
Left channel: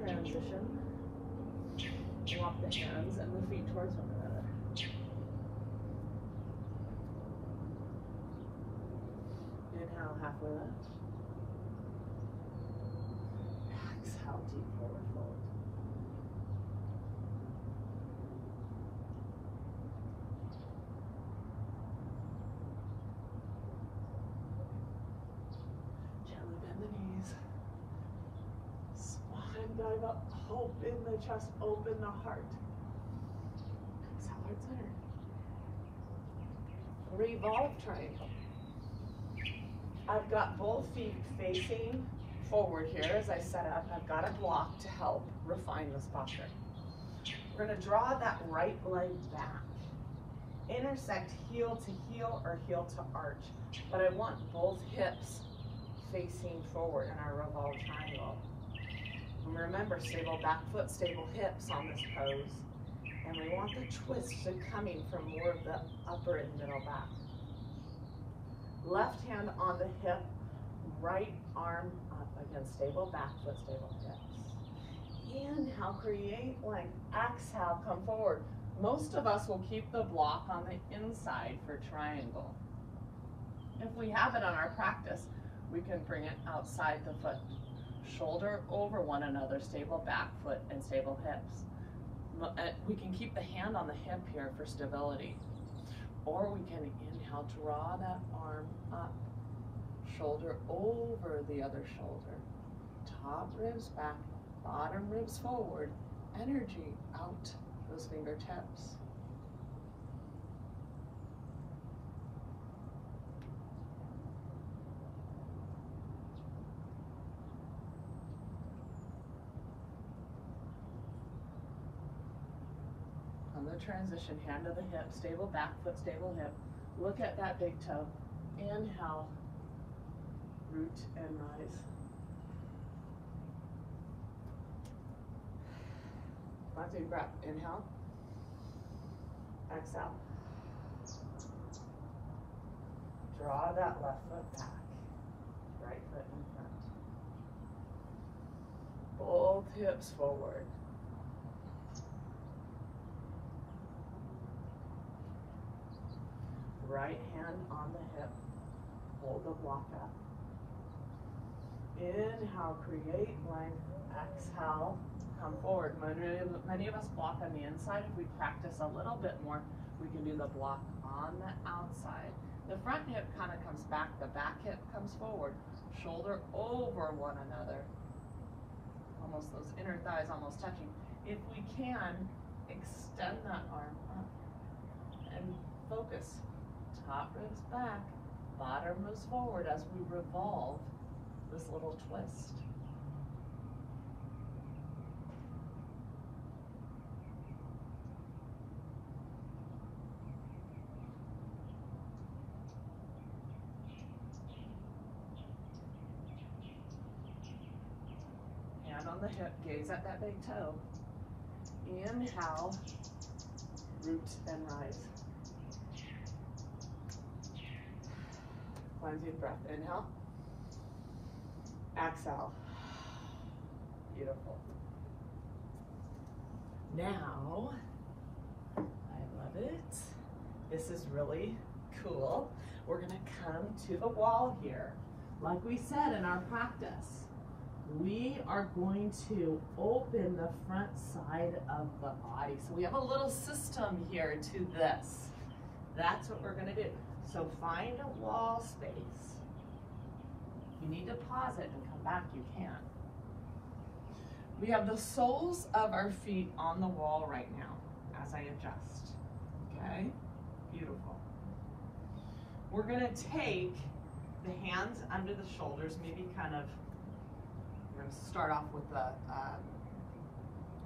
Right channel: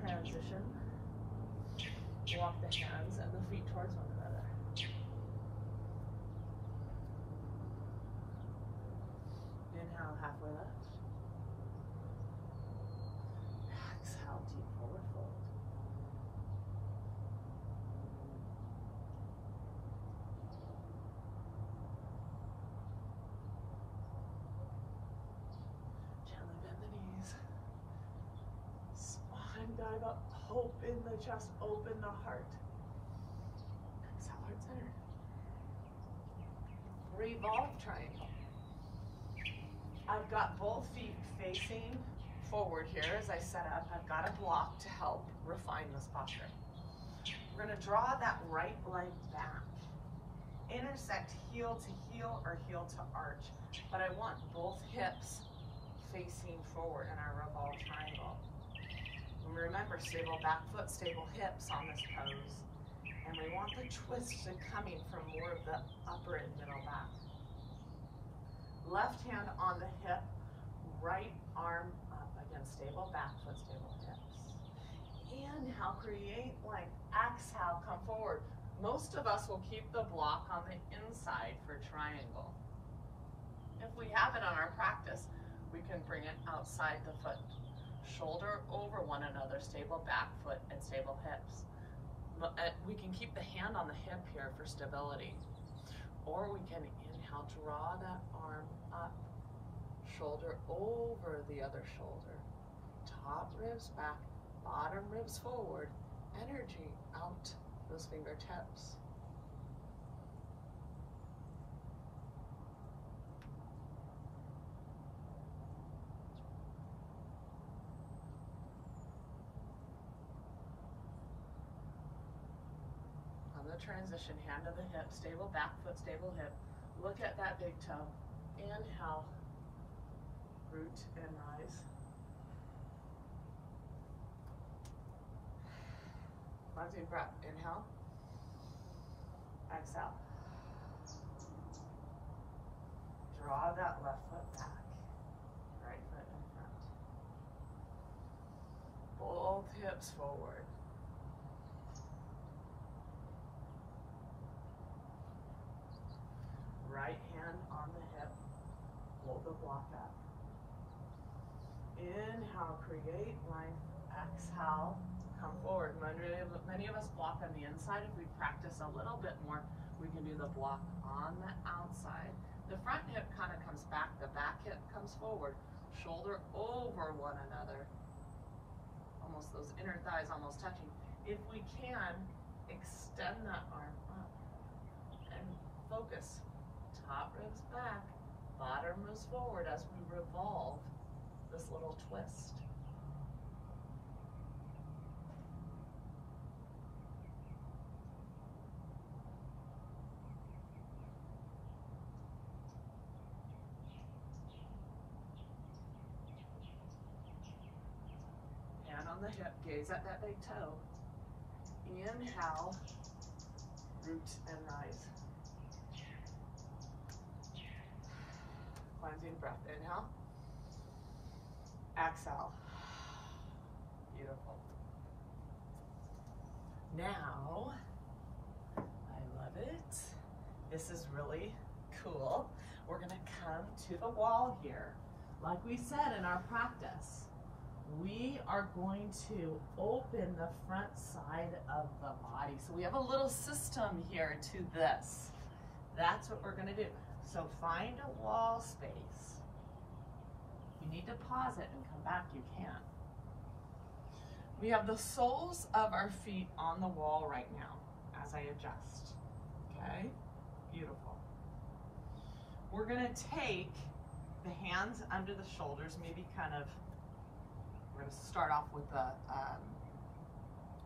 Transition. walk the hands and the feet towards one another. Inhale, halfway lift. Exhale, deep forward fold. Gently bend the knees. Spine dive up. Open the chest, open the heart. Exhale, heart center. Revolve Triangle. I've got both feet facing forward here as I set up. I've got a block to help refine this posture. We're going to draw that right leg back. Intersect heel to heel or heel to arch. But I want both hips facing forward in our Revolve Triangle. And remember, stable back foot, stable hips on this pose. And we want the twist to coming from more of the upper and middle back. Left hand on the hip, right arm up. Again, stable back foot, stable hips. Inhale, create length. Exhale, come forward. Most of us will keep the block on the inside for triangle. If we have it on our practice, we can bring it outside the foot. Shoulder over one another, stable back foot and stable hips. We can keep the hand on the hip here for stability. Or we can inhale, draw that arm up. Shoulder over the other shoulder. Top ribs back, bottom ribs forward. Energy out those fingertips. On the transition, hand to the hip, stable back foot, stable hip. Look at that big toe. Inhale, root and rise. Last deep breath. Inhale. Exhale. Draw that left foot back. Right foot in front. Both hips forward. Right hand on the hip. Hold the block up. Inhale, create length. Exhale, come forward. Many of us block on the inside. If we practice a little bit more, we can do the block on the outside. The front hip kind of comes back. The back hip comes forward. Shoulder over one another. Almost those inner thighs almost touching. If we can, extend that arm up and focus. Top ribs back, bottom moves forward as we revolve this little twist. Hand on the hip, gaze at that big toe. Inhale, root and rise. Cleansing breath. Inhale. Exhale. Beautiful. Now, I love it. This is really cool. We're going to come to the wall here. Like we said in our practice, we are going to open the front side of the body. So we have a little system here to this. That's what we're going to do. So find a wall space. If you need to pause it and come back, you can. We have the soles of our feet on the wall right now as I adjust. Okay? Beautiful. We're going to take the hands under the shoulders, maybe kind of, we're going to start off with the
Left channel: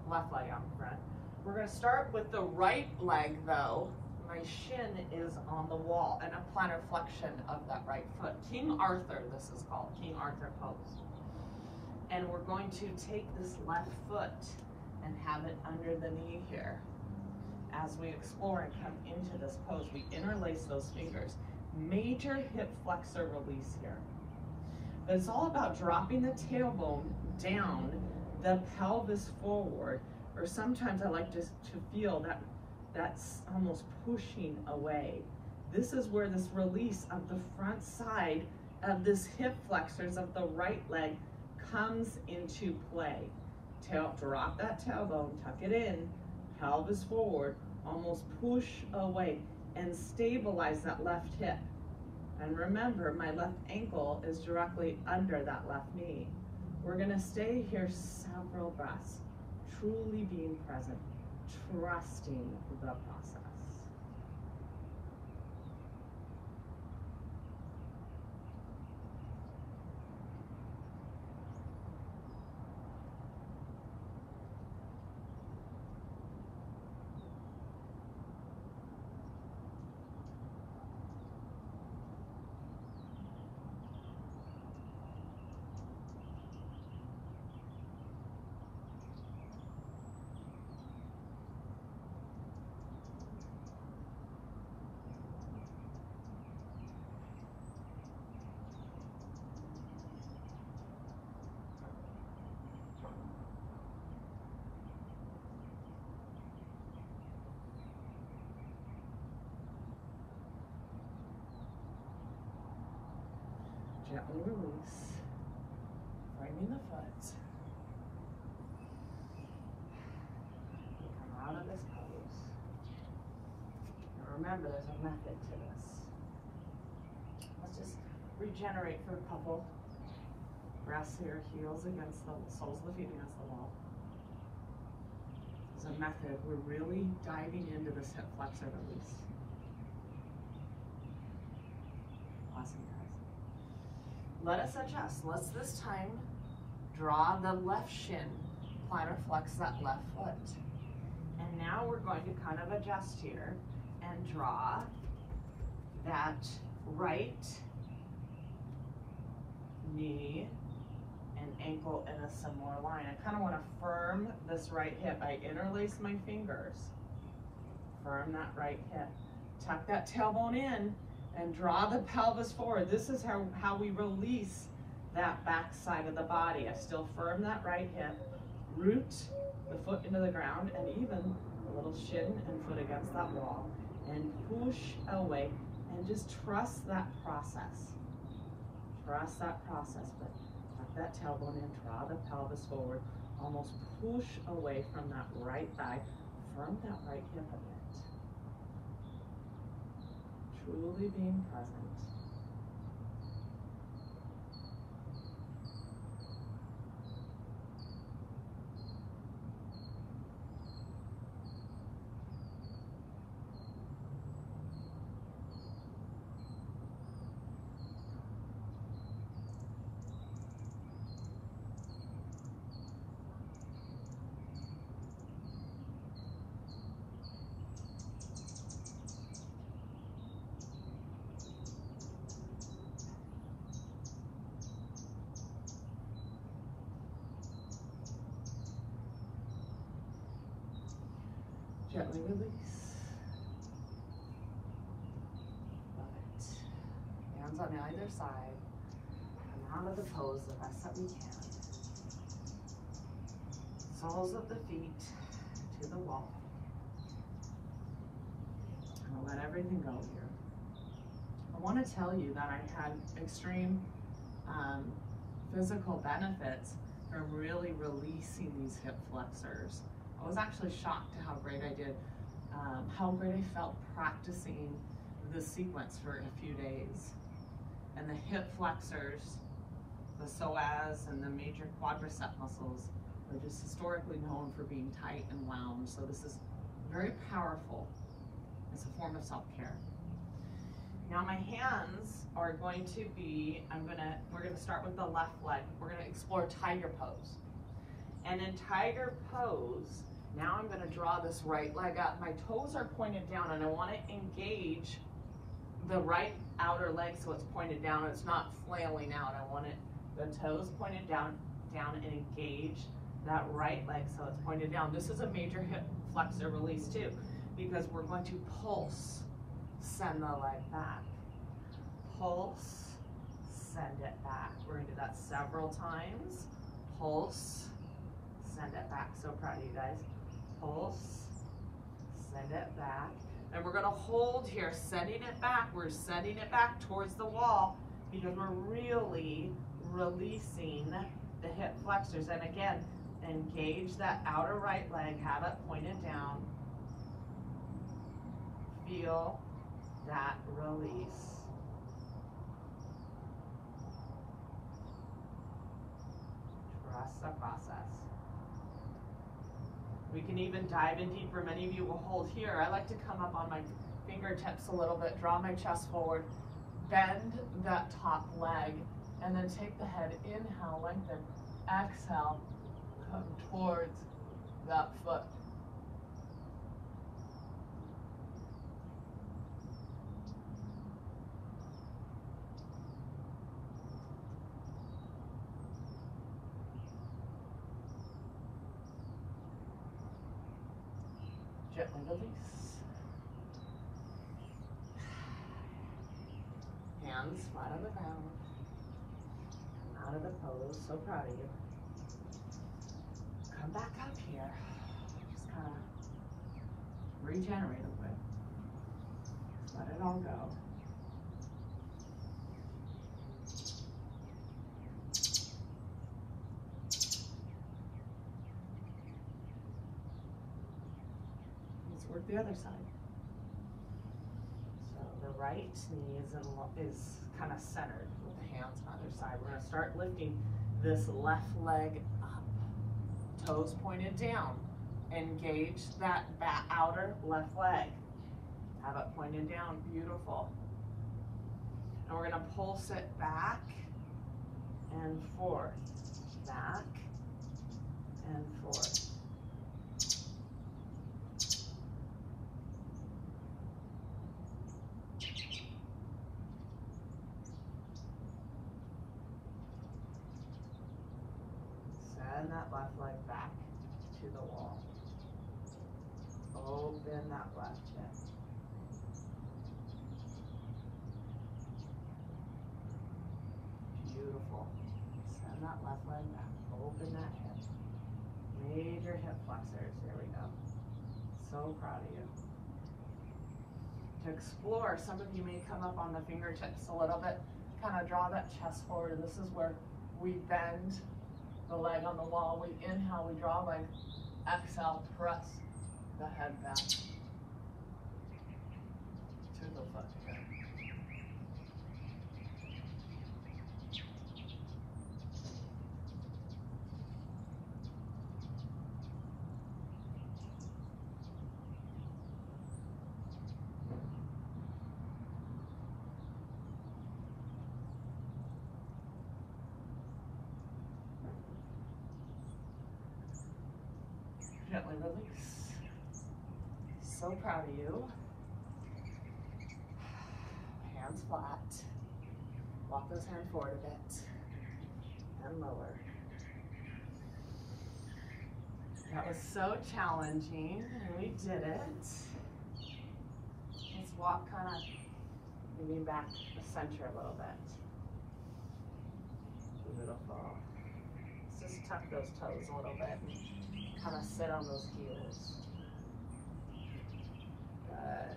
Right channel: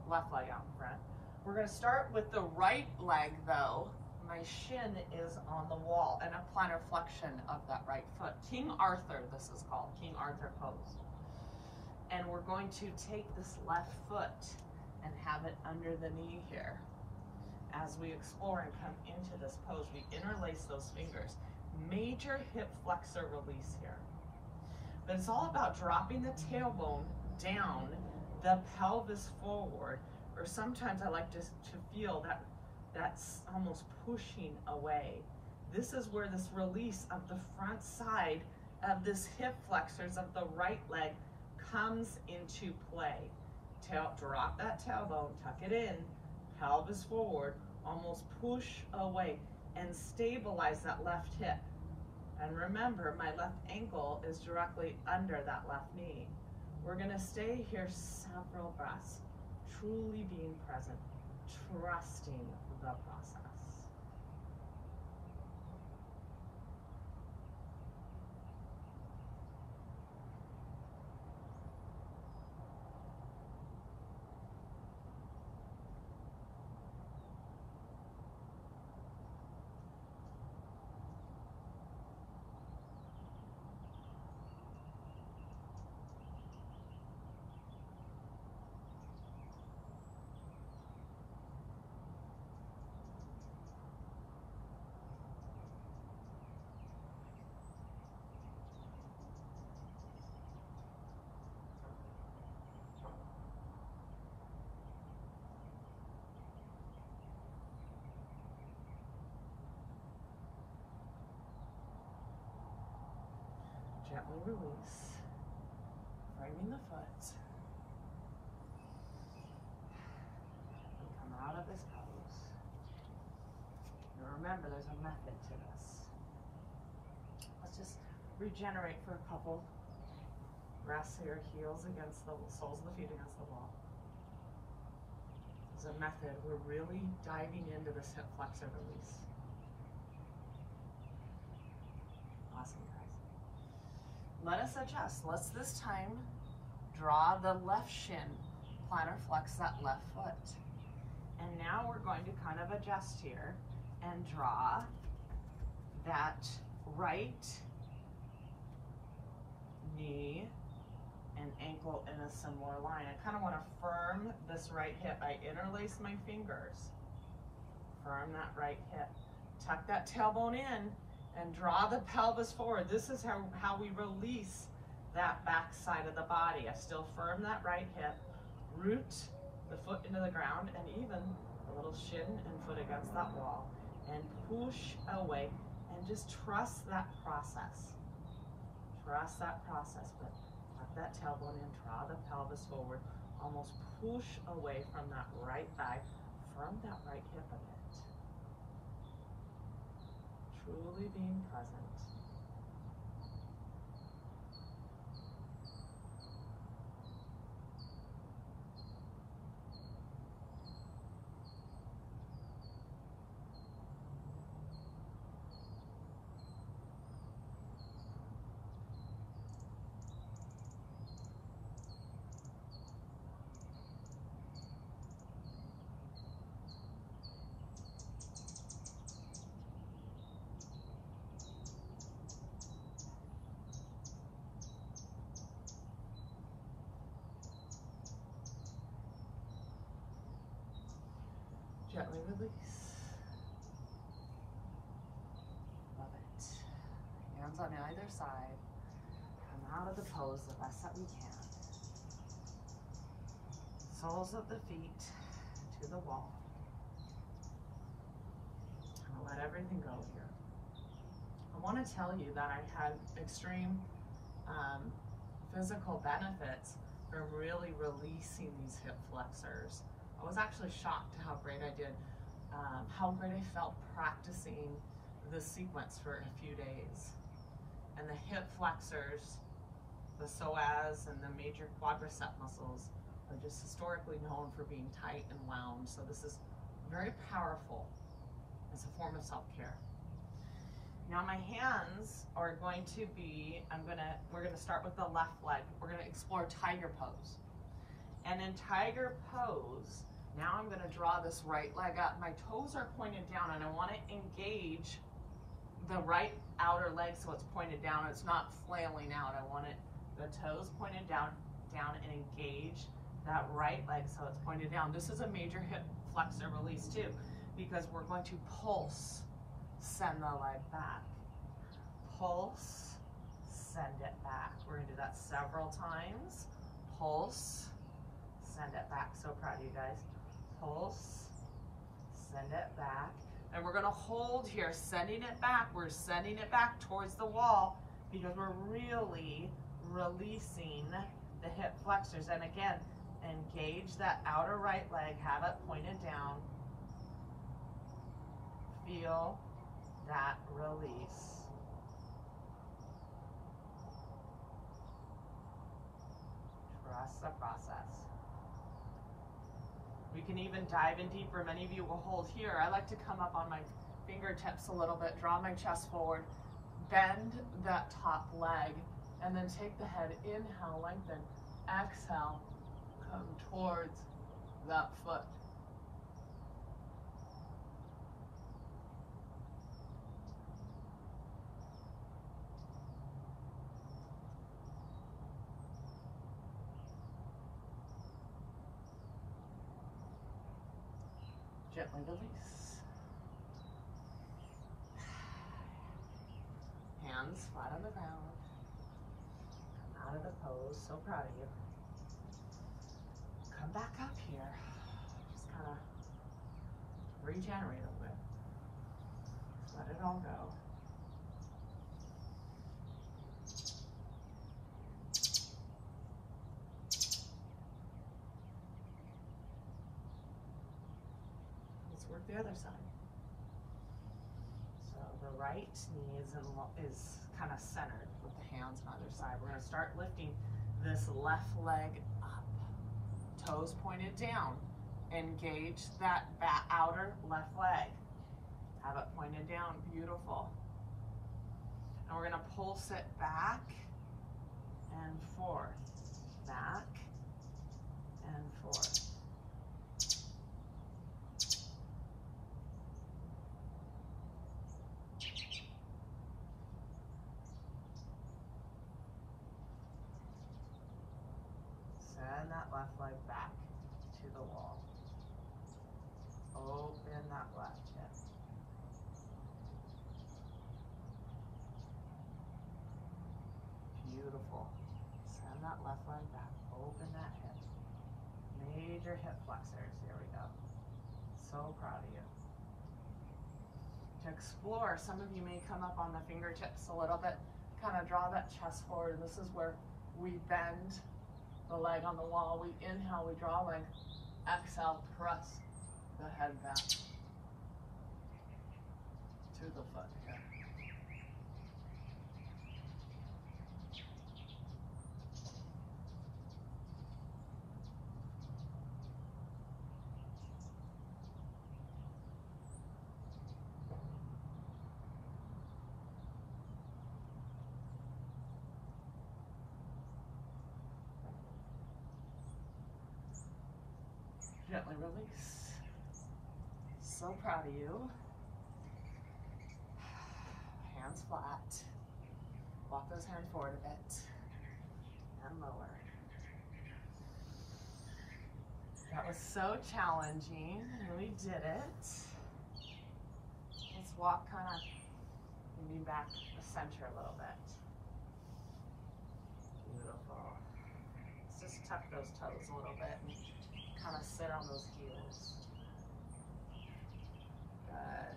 left leg out in front. We're going to start with the right leg though. My shin is on the wall and a plantar flexion of that right foot. King Arthur, this is called, King Arthur pose. And we're going to take this left foot and have it under the knee here. As we explore and come into this pose, we interlace those fingers. Major hip flexor release here. But it's all about dropping the tailbone down, the pelvis forward, or sometimes I like to feel that that's almost pushing away. This is where this release of the front side of this hip flexors of the right leg comes into play. Drop that tailbone, tuck it in, pelvis forward, almost push away and stabilize that left hip. And remember, my left ankle is directly under that left knee. We're gonna stay here several breaths, truly being present, trusting the process. Gently release, framing the foot. And come out of this pose. And remember, there's a method to this. Let's just regenerate for a couple. Rest your heels against the soles of the feet against the wall. There's a method. We're really diving into this hip flexor release. Awesome, guys. Let us adjust. Let's this time draw the left shin, plantar flex that left foot. And now we're going to kind of adjust here and draw that right knee and ankle in a similar line. I kind of want to firm this right hip. I interlace my fingers. Firm that right hip. Tuck that tailbone in and draw the pelvis forward. This is how we release that back side of the body. I still firm that right hip, root the foot into the ground, and even a little shin and foot against that wall, and push away, and just trust that process. Trust that process, but tuck that tailbone in, draw the pelvis forward, almost push away from that right thigh, firm that right hip a bit. Truly being present. Gently release. Love it. Hands on either side. Come out of the pose the best that we can. Soles of the feet to the wall. I'm gonna let everything go here. I want to tell you that I had extreme physical benefits from really releasing these hip flexors. I was actually shocked to how great I did, how great I felt practicing this sequence for a few days. And the hip flexors, the psoas and the major quadricep muscles are just historically known for being tight and wound. So this is very powerful. It's a form of self-care. Now my hands are going to be, we're gonna start with the left leg. We're gonna explore tiger pose. And in tiger pose, now I'm gonna draw this right leg up. My toes are pointed down and I wanna engage the right outer leg so it's pointed down. It's not flailing out. I want the toes pointed down and engage that right leg so it's pointed down. This is a major hip flexor release too, because we're going to pulse, send the leg back. Pulse, send it back. We're gonna do that several times. Pulse, send it back. So proud of you guys. Pulse, send it back. And we're gonna hold here, sending it back. We're sending it back towards the wall because we're really releasing the hip flexors. And again, engage that outer right leg, have it pointed down. Feel that release. Trust the process. We can even dive in deeper. Many of you will hold here. I like to come up on my fingertips a little bit, draw my chest forward, bend that top leg, and then take the head, inhale, lengthen, exhale, come towards that foot. Gently release. Hands flat on the ground. Come out of the pose. So proud of you. Come back up here. Just kind of regenerate a bit. Let it all go. Work the other side. So the right knee is kind of centered with the hands on either side. We're going to start lifting this left leg up. Toes pointed down. Engage that outer left leg. Have it pointed down. Beautiful. And we're going to pulse it back and forth. Back and forth. Send that left leg back to the wall. Open that left hip. Beautiful. Send that left leg back. Open that hip. Major hip flexors. Here we go. So proud of you. To explore, some of you may come up on the fingertips a little bit. Kind of draw that chest forward. This is where we bend the leg on the wall. We inhale, we draw leg. Exhale, press the head back to the foot here. Gently release. So proud of you. Hands flat. Walk those hands forward a bit and lower. That was so challenging, and we did it. Let's walk kind of maybe back the center a little bit. Beautiful. Let's just tuck those toes a little bit. Kind of sit on those heels. Good.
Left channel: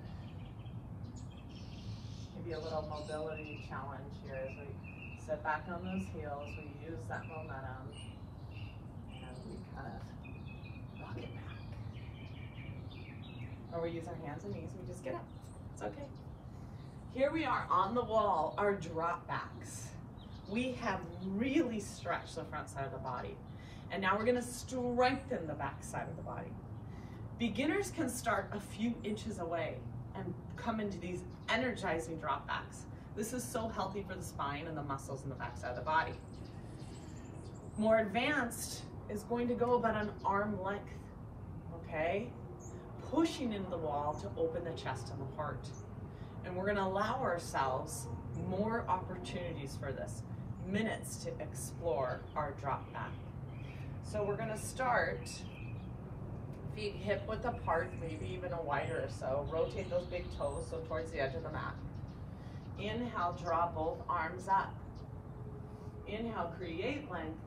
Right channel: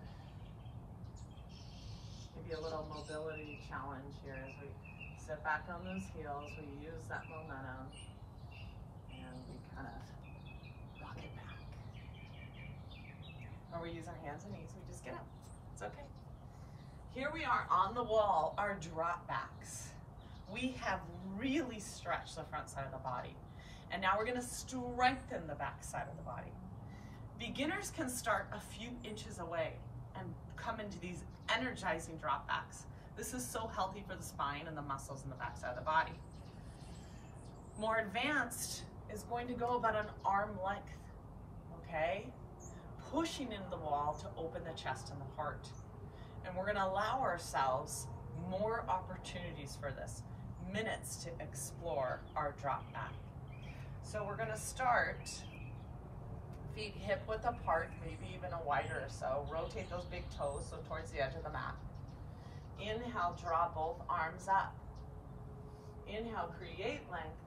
Maybe a little mobility challenge here as we sit back on those heels. We use that momentum and we kind of rock it back. Or we use our hands and knees. We just get up. It's okay. Here we are on the wall, our drop backs. We have really stretched the front side of the body. And now we're going to strengthen the back side of the body. Beginners can start a few inches away and come into these energizing drop backs. This is so healthy for the spine and the muscles in the back side of the body. More advanced is going to go about an arm length, okay? Pushing into the wall to open the chest and the heart. And we're going to allow ourselves more opportunities for this, minutes to explore our drop back. So we're gonna start, feet hip width apart, maybe even a wider or so. Rotate those big toes, so towards the edge of the mat. Inhale, draw both arms up. Inhale, create length.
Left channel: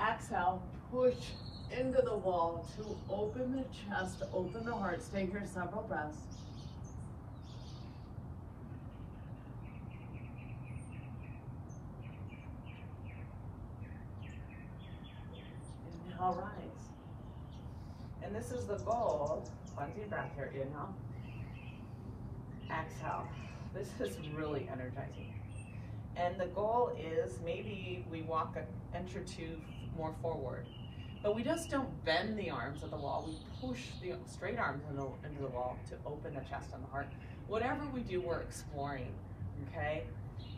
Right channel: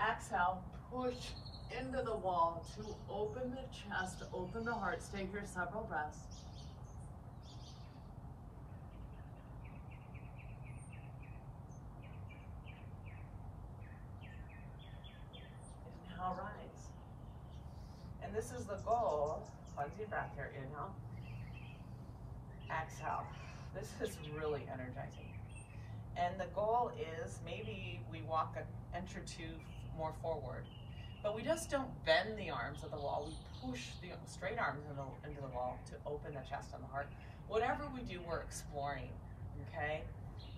Exhale, push into the wall to open the chest, open the heart. Stay here several breaths. Inhale, rise. And this is the goal. One deep breath here. Inhale. Exhale. This is really energizing. And the goal is maybe we walk an inch or two more forward. But we just don't bend the arms of the wall. We push the straight arms into the wall to open the chest and the heart. Whatever we do, we're exploring, okay?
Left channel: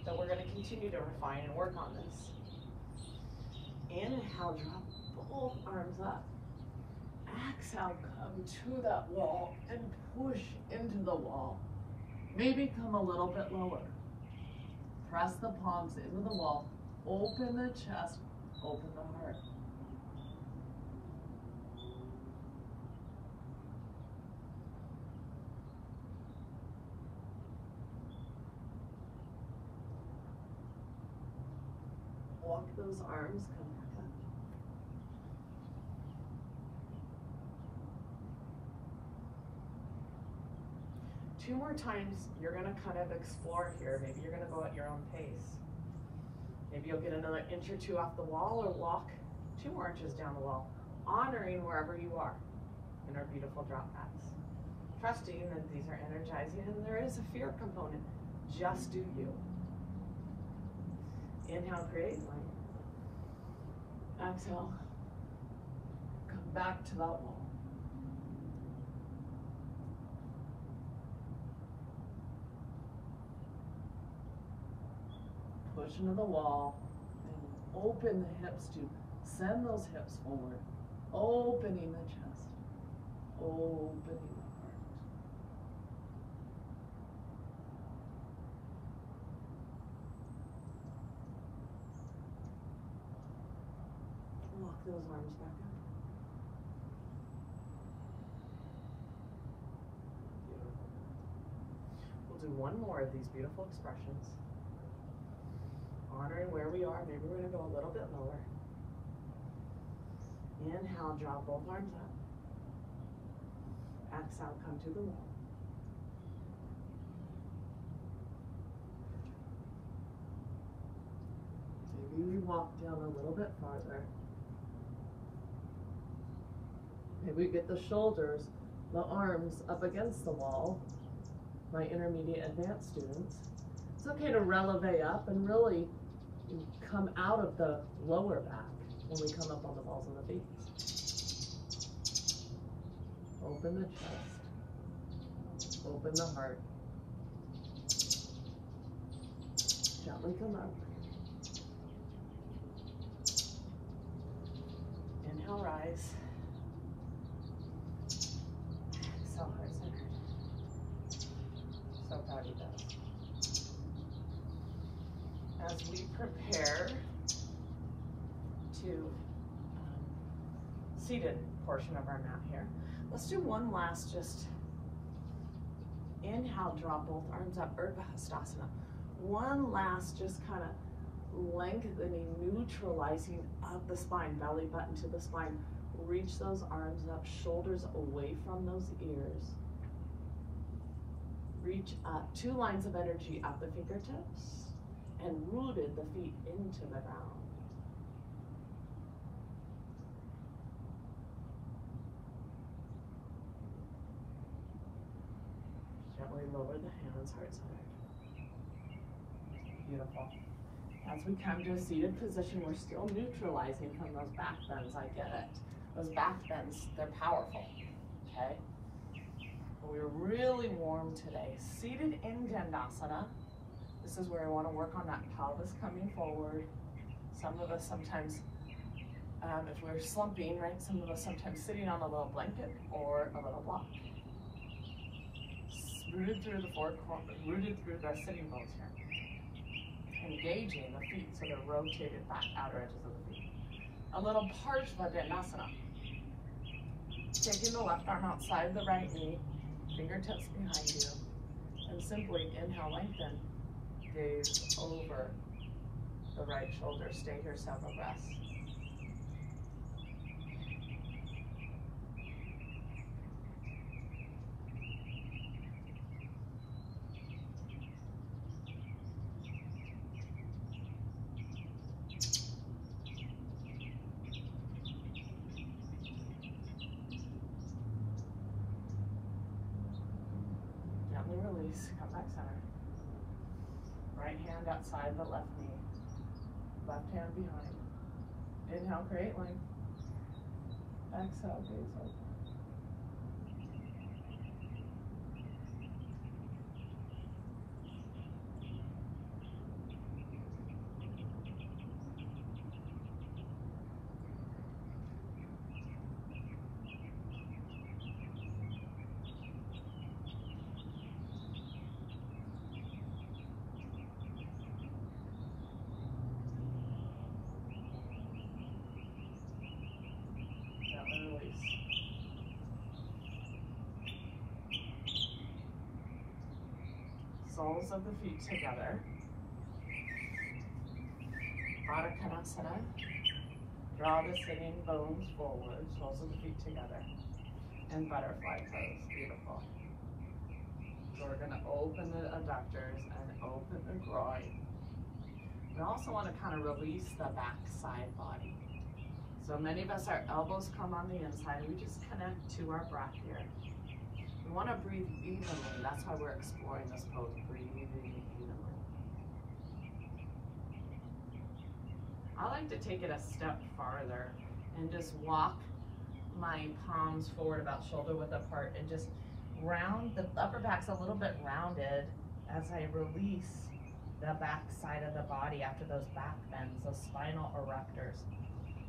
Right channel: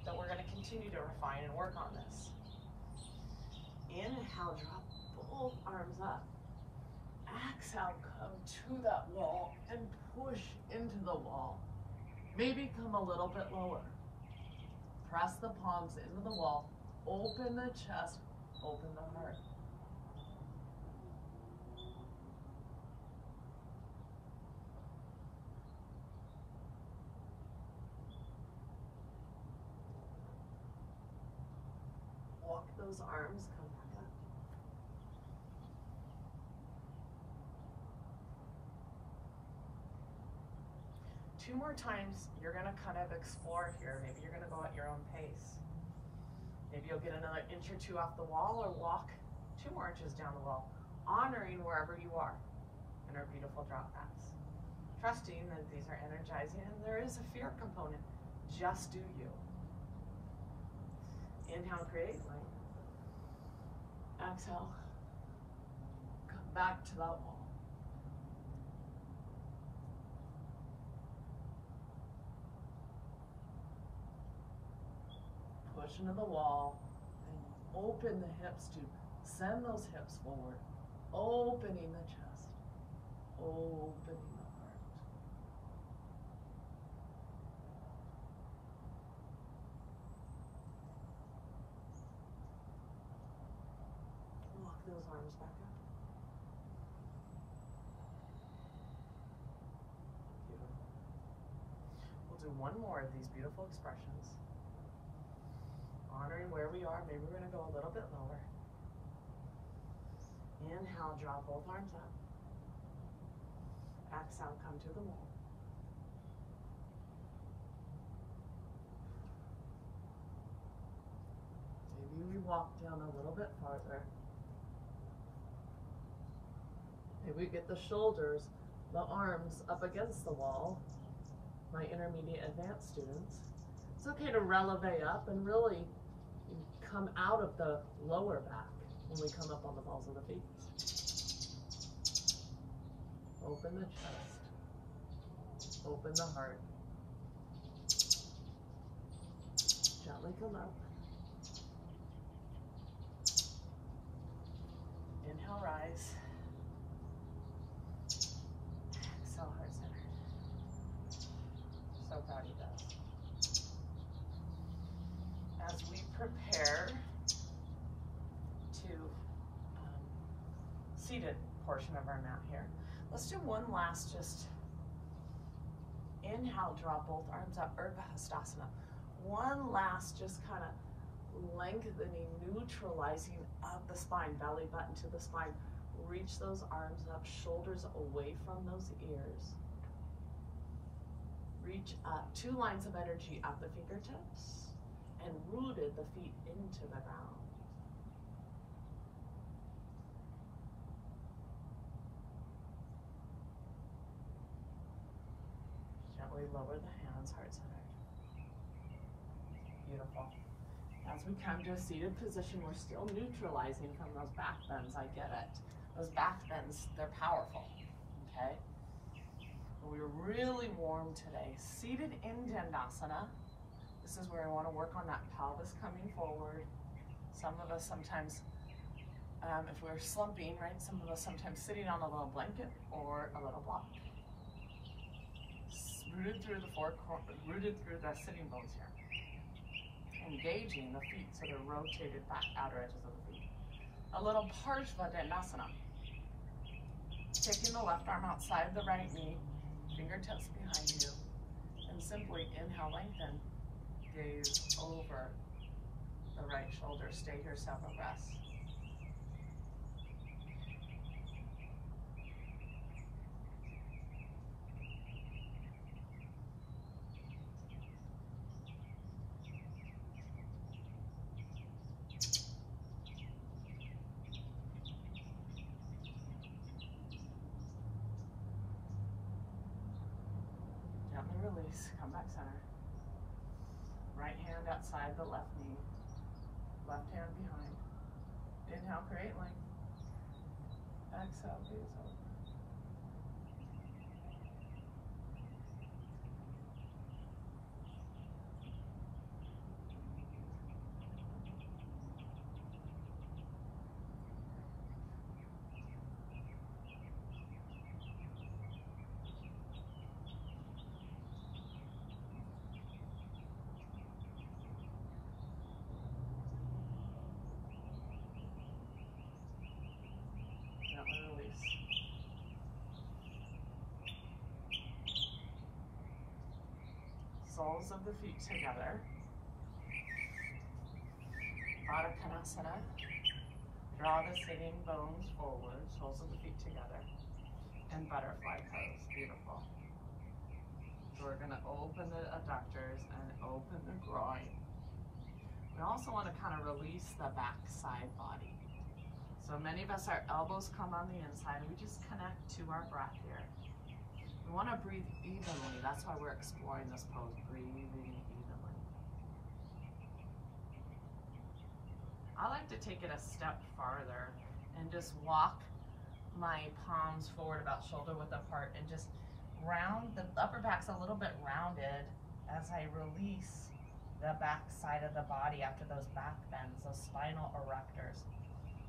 So we're gonna continue to refine and work on this. Inhale, drop both arms up. Exhale, come to that wall and push into the wall. Maybe come a little bit lower. Press the palms into the wall. Open the chest, open the heart. Walk those arms, come back up. Two more times, you're gonna kind of explore here. Maybe you're gonna go at your own pace. Maybe you'll get another inch or two off the wall or walk 2 more inches down the wall, honoring wherever you are in our beautiful drop mats. Trusting that these are energizing and there is a fear component. Just do you. Inhale, create length. Exhale, come back to that wall. Push into the wall and open the hips to send those hips forward, opening the chest, opening the heart. Walk those arms back up. Beautiful. We'll do one more of these beautiful expressions. Honoring where we are, maybe we're going to go a little bit lower. Inhale, draw both arms up. Exhale, come to the wall. Maybe we walk down a little bit farther. Maybe we get the shoulders, the arms up against the wall. My intermediate advanced students. It's okay to releve up and really come out of the lower back when we come up on the balls of the feet. Open the chest. Open the heart. Gently come up. Inhale, rise. Exhale, heart centered. So proud of you guys. As we prepare to seated portion of our mat here, let's do one last just inhale, draw both arms up, Urdhva. One last just kind of lengthening, neutralizing of the spine, belly button to the spine. Reach those arms up, shoulders away from those ears. Reach up, 2 lines of energy at the fingertips. And rooted the feet into the ground. Gently lower the hands, heart centered. Beautiful. As we come to a seated position, we're still neutralizing from those back bends. I get it. Those back bends, they're powerful. Okay? We're really warm today. Seated in Dandasana. This is where I want to work on that pelvis coming forward. Some of us sometimes, if we're slumping, right, some of us sometimes sitting on a little blanket or a little block. Rooted through the rooted through the sitting bones here. Engaging the feet so they're rotated back, outer edges of the feet. A little Parshva Dandasana. Taking the left arm outside the right knee, fingertips behind you, and simply inhale, lengthen. Gaze over the right shoulder. Stay here several breaths. release, come back center. Right hand outside the left knee. Left hand behind. Inhale, create length. Exhale, gaze open. Soles of the feet together. Tadasana. Draw the sitting bones forward, soles of the feet together. And butterfly pose. Beautiful. So we're going to open the adductors and open the groin. We also want to kind of release the back side body. So many of us, our elbows come on the inside, and we just connect to our breath here. We want to breathe evenly. That's why we're exploring this pose, breathing evenly. I like to take it a step farther and just walk my palms forward about shoulder width apart and just round, the upper back's a little bit rounded as I release the back side of the body after those back bends, those spinal erectors.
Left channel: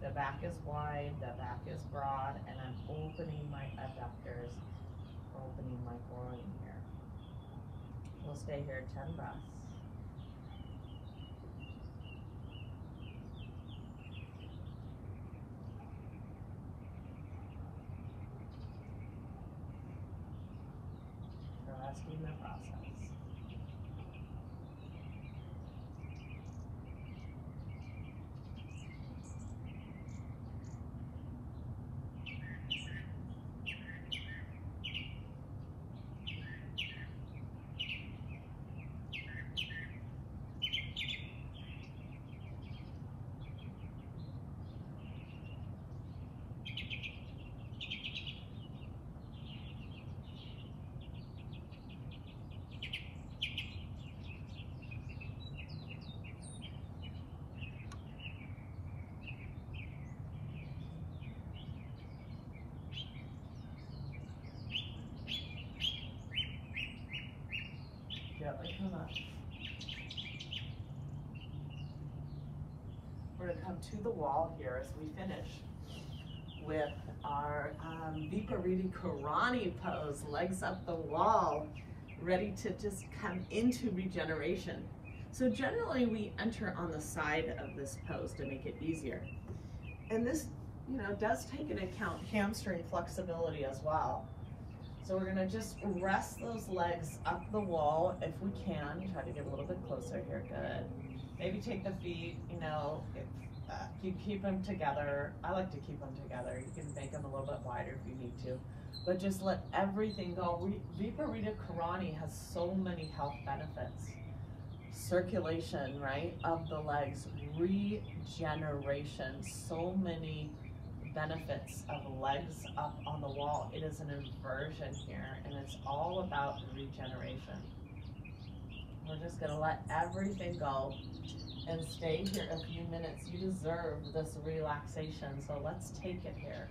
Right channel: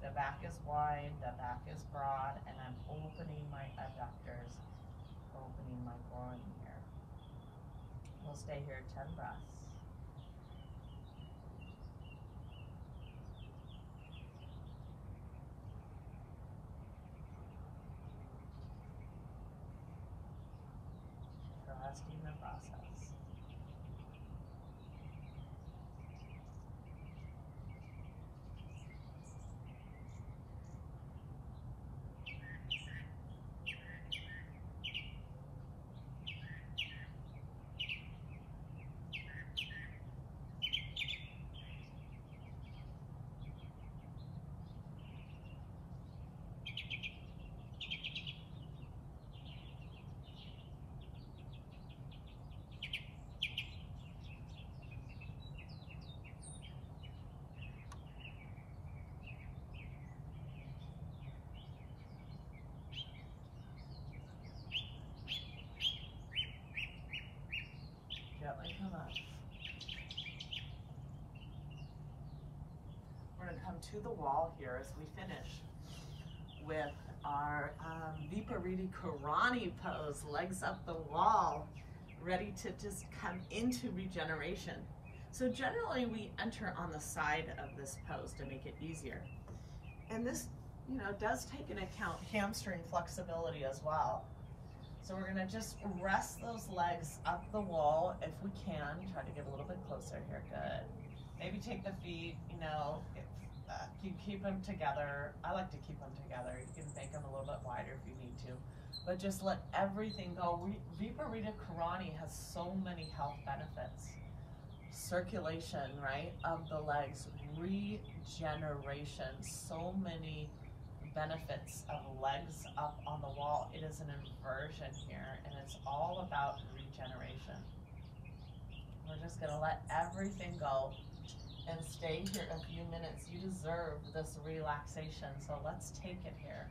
The back is wide, the back is broad, and I'm opening my adductors, opening my groin here. We'll stay here 10 breaths. Trusting the process. Gently come up. We're going to come to the wall here as we finish with our Viparita Karani pose, legs up the wall, ready to just come into regeneration. So generally we enter on the side of this pose to make it easier. And this, does take into account hamstring flexibility as well. So we're gonna just rest those legs up the wall if we can. Try to get a little bit closer here, good. Maybe take the feet, you keep them together. I like to keep them together. You can make them a little bit wider if you need to. But just let everything go. Viparita Karani has so many health benefits. Circulation, right, of the legs, regeneration, so many benefits of legs up on the wall. It is an inversion here, and it's all about regeneration. We're just gonna let everything go and stay here a few minutes. You deserve this relaxation, so let's take it here.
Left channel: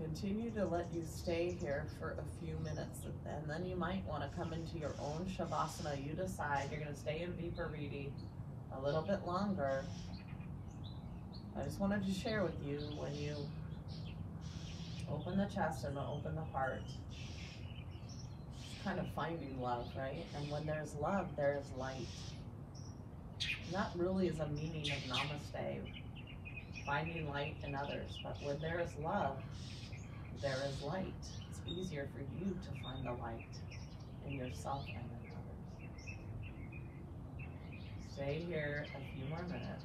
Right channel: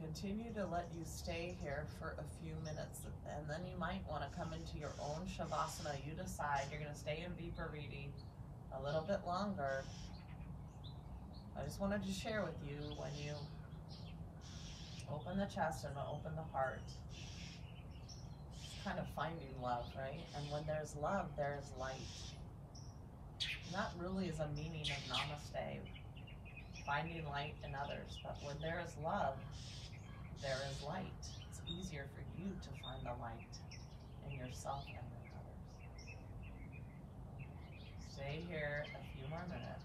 continue to let you stay here for a few minutes, and then you might want to come into your own Shavasana. You decide. You're going to stay in Vipariti a little bit longer. I just wanted to share with you, when you open the chest and open the heart, kind of finding love, right? And when there's love, there is light. And that really is a meaning of Namaste, finding light in others. But when there is love, there is light. It's easier for you to find the light in yourself and in others. Stay here a few more minutes.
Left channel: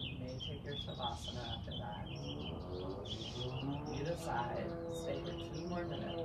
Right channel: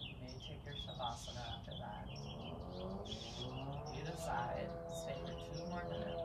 You may take your Shavasana after that. You decide. Stay for 2 more minutes.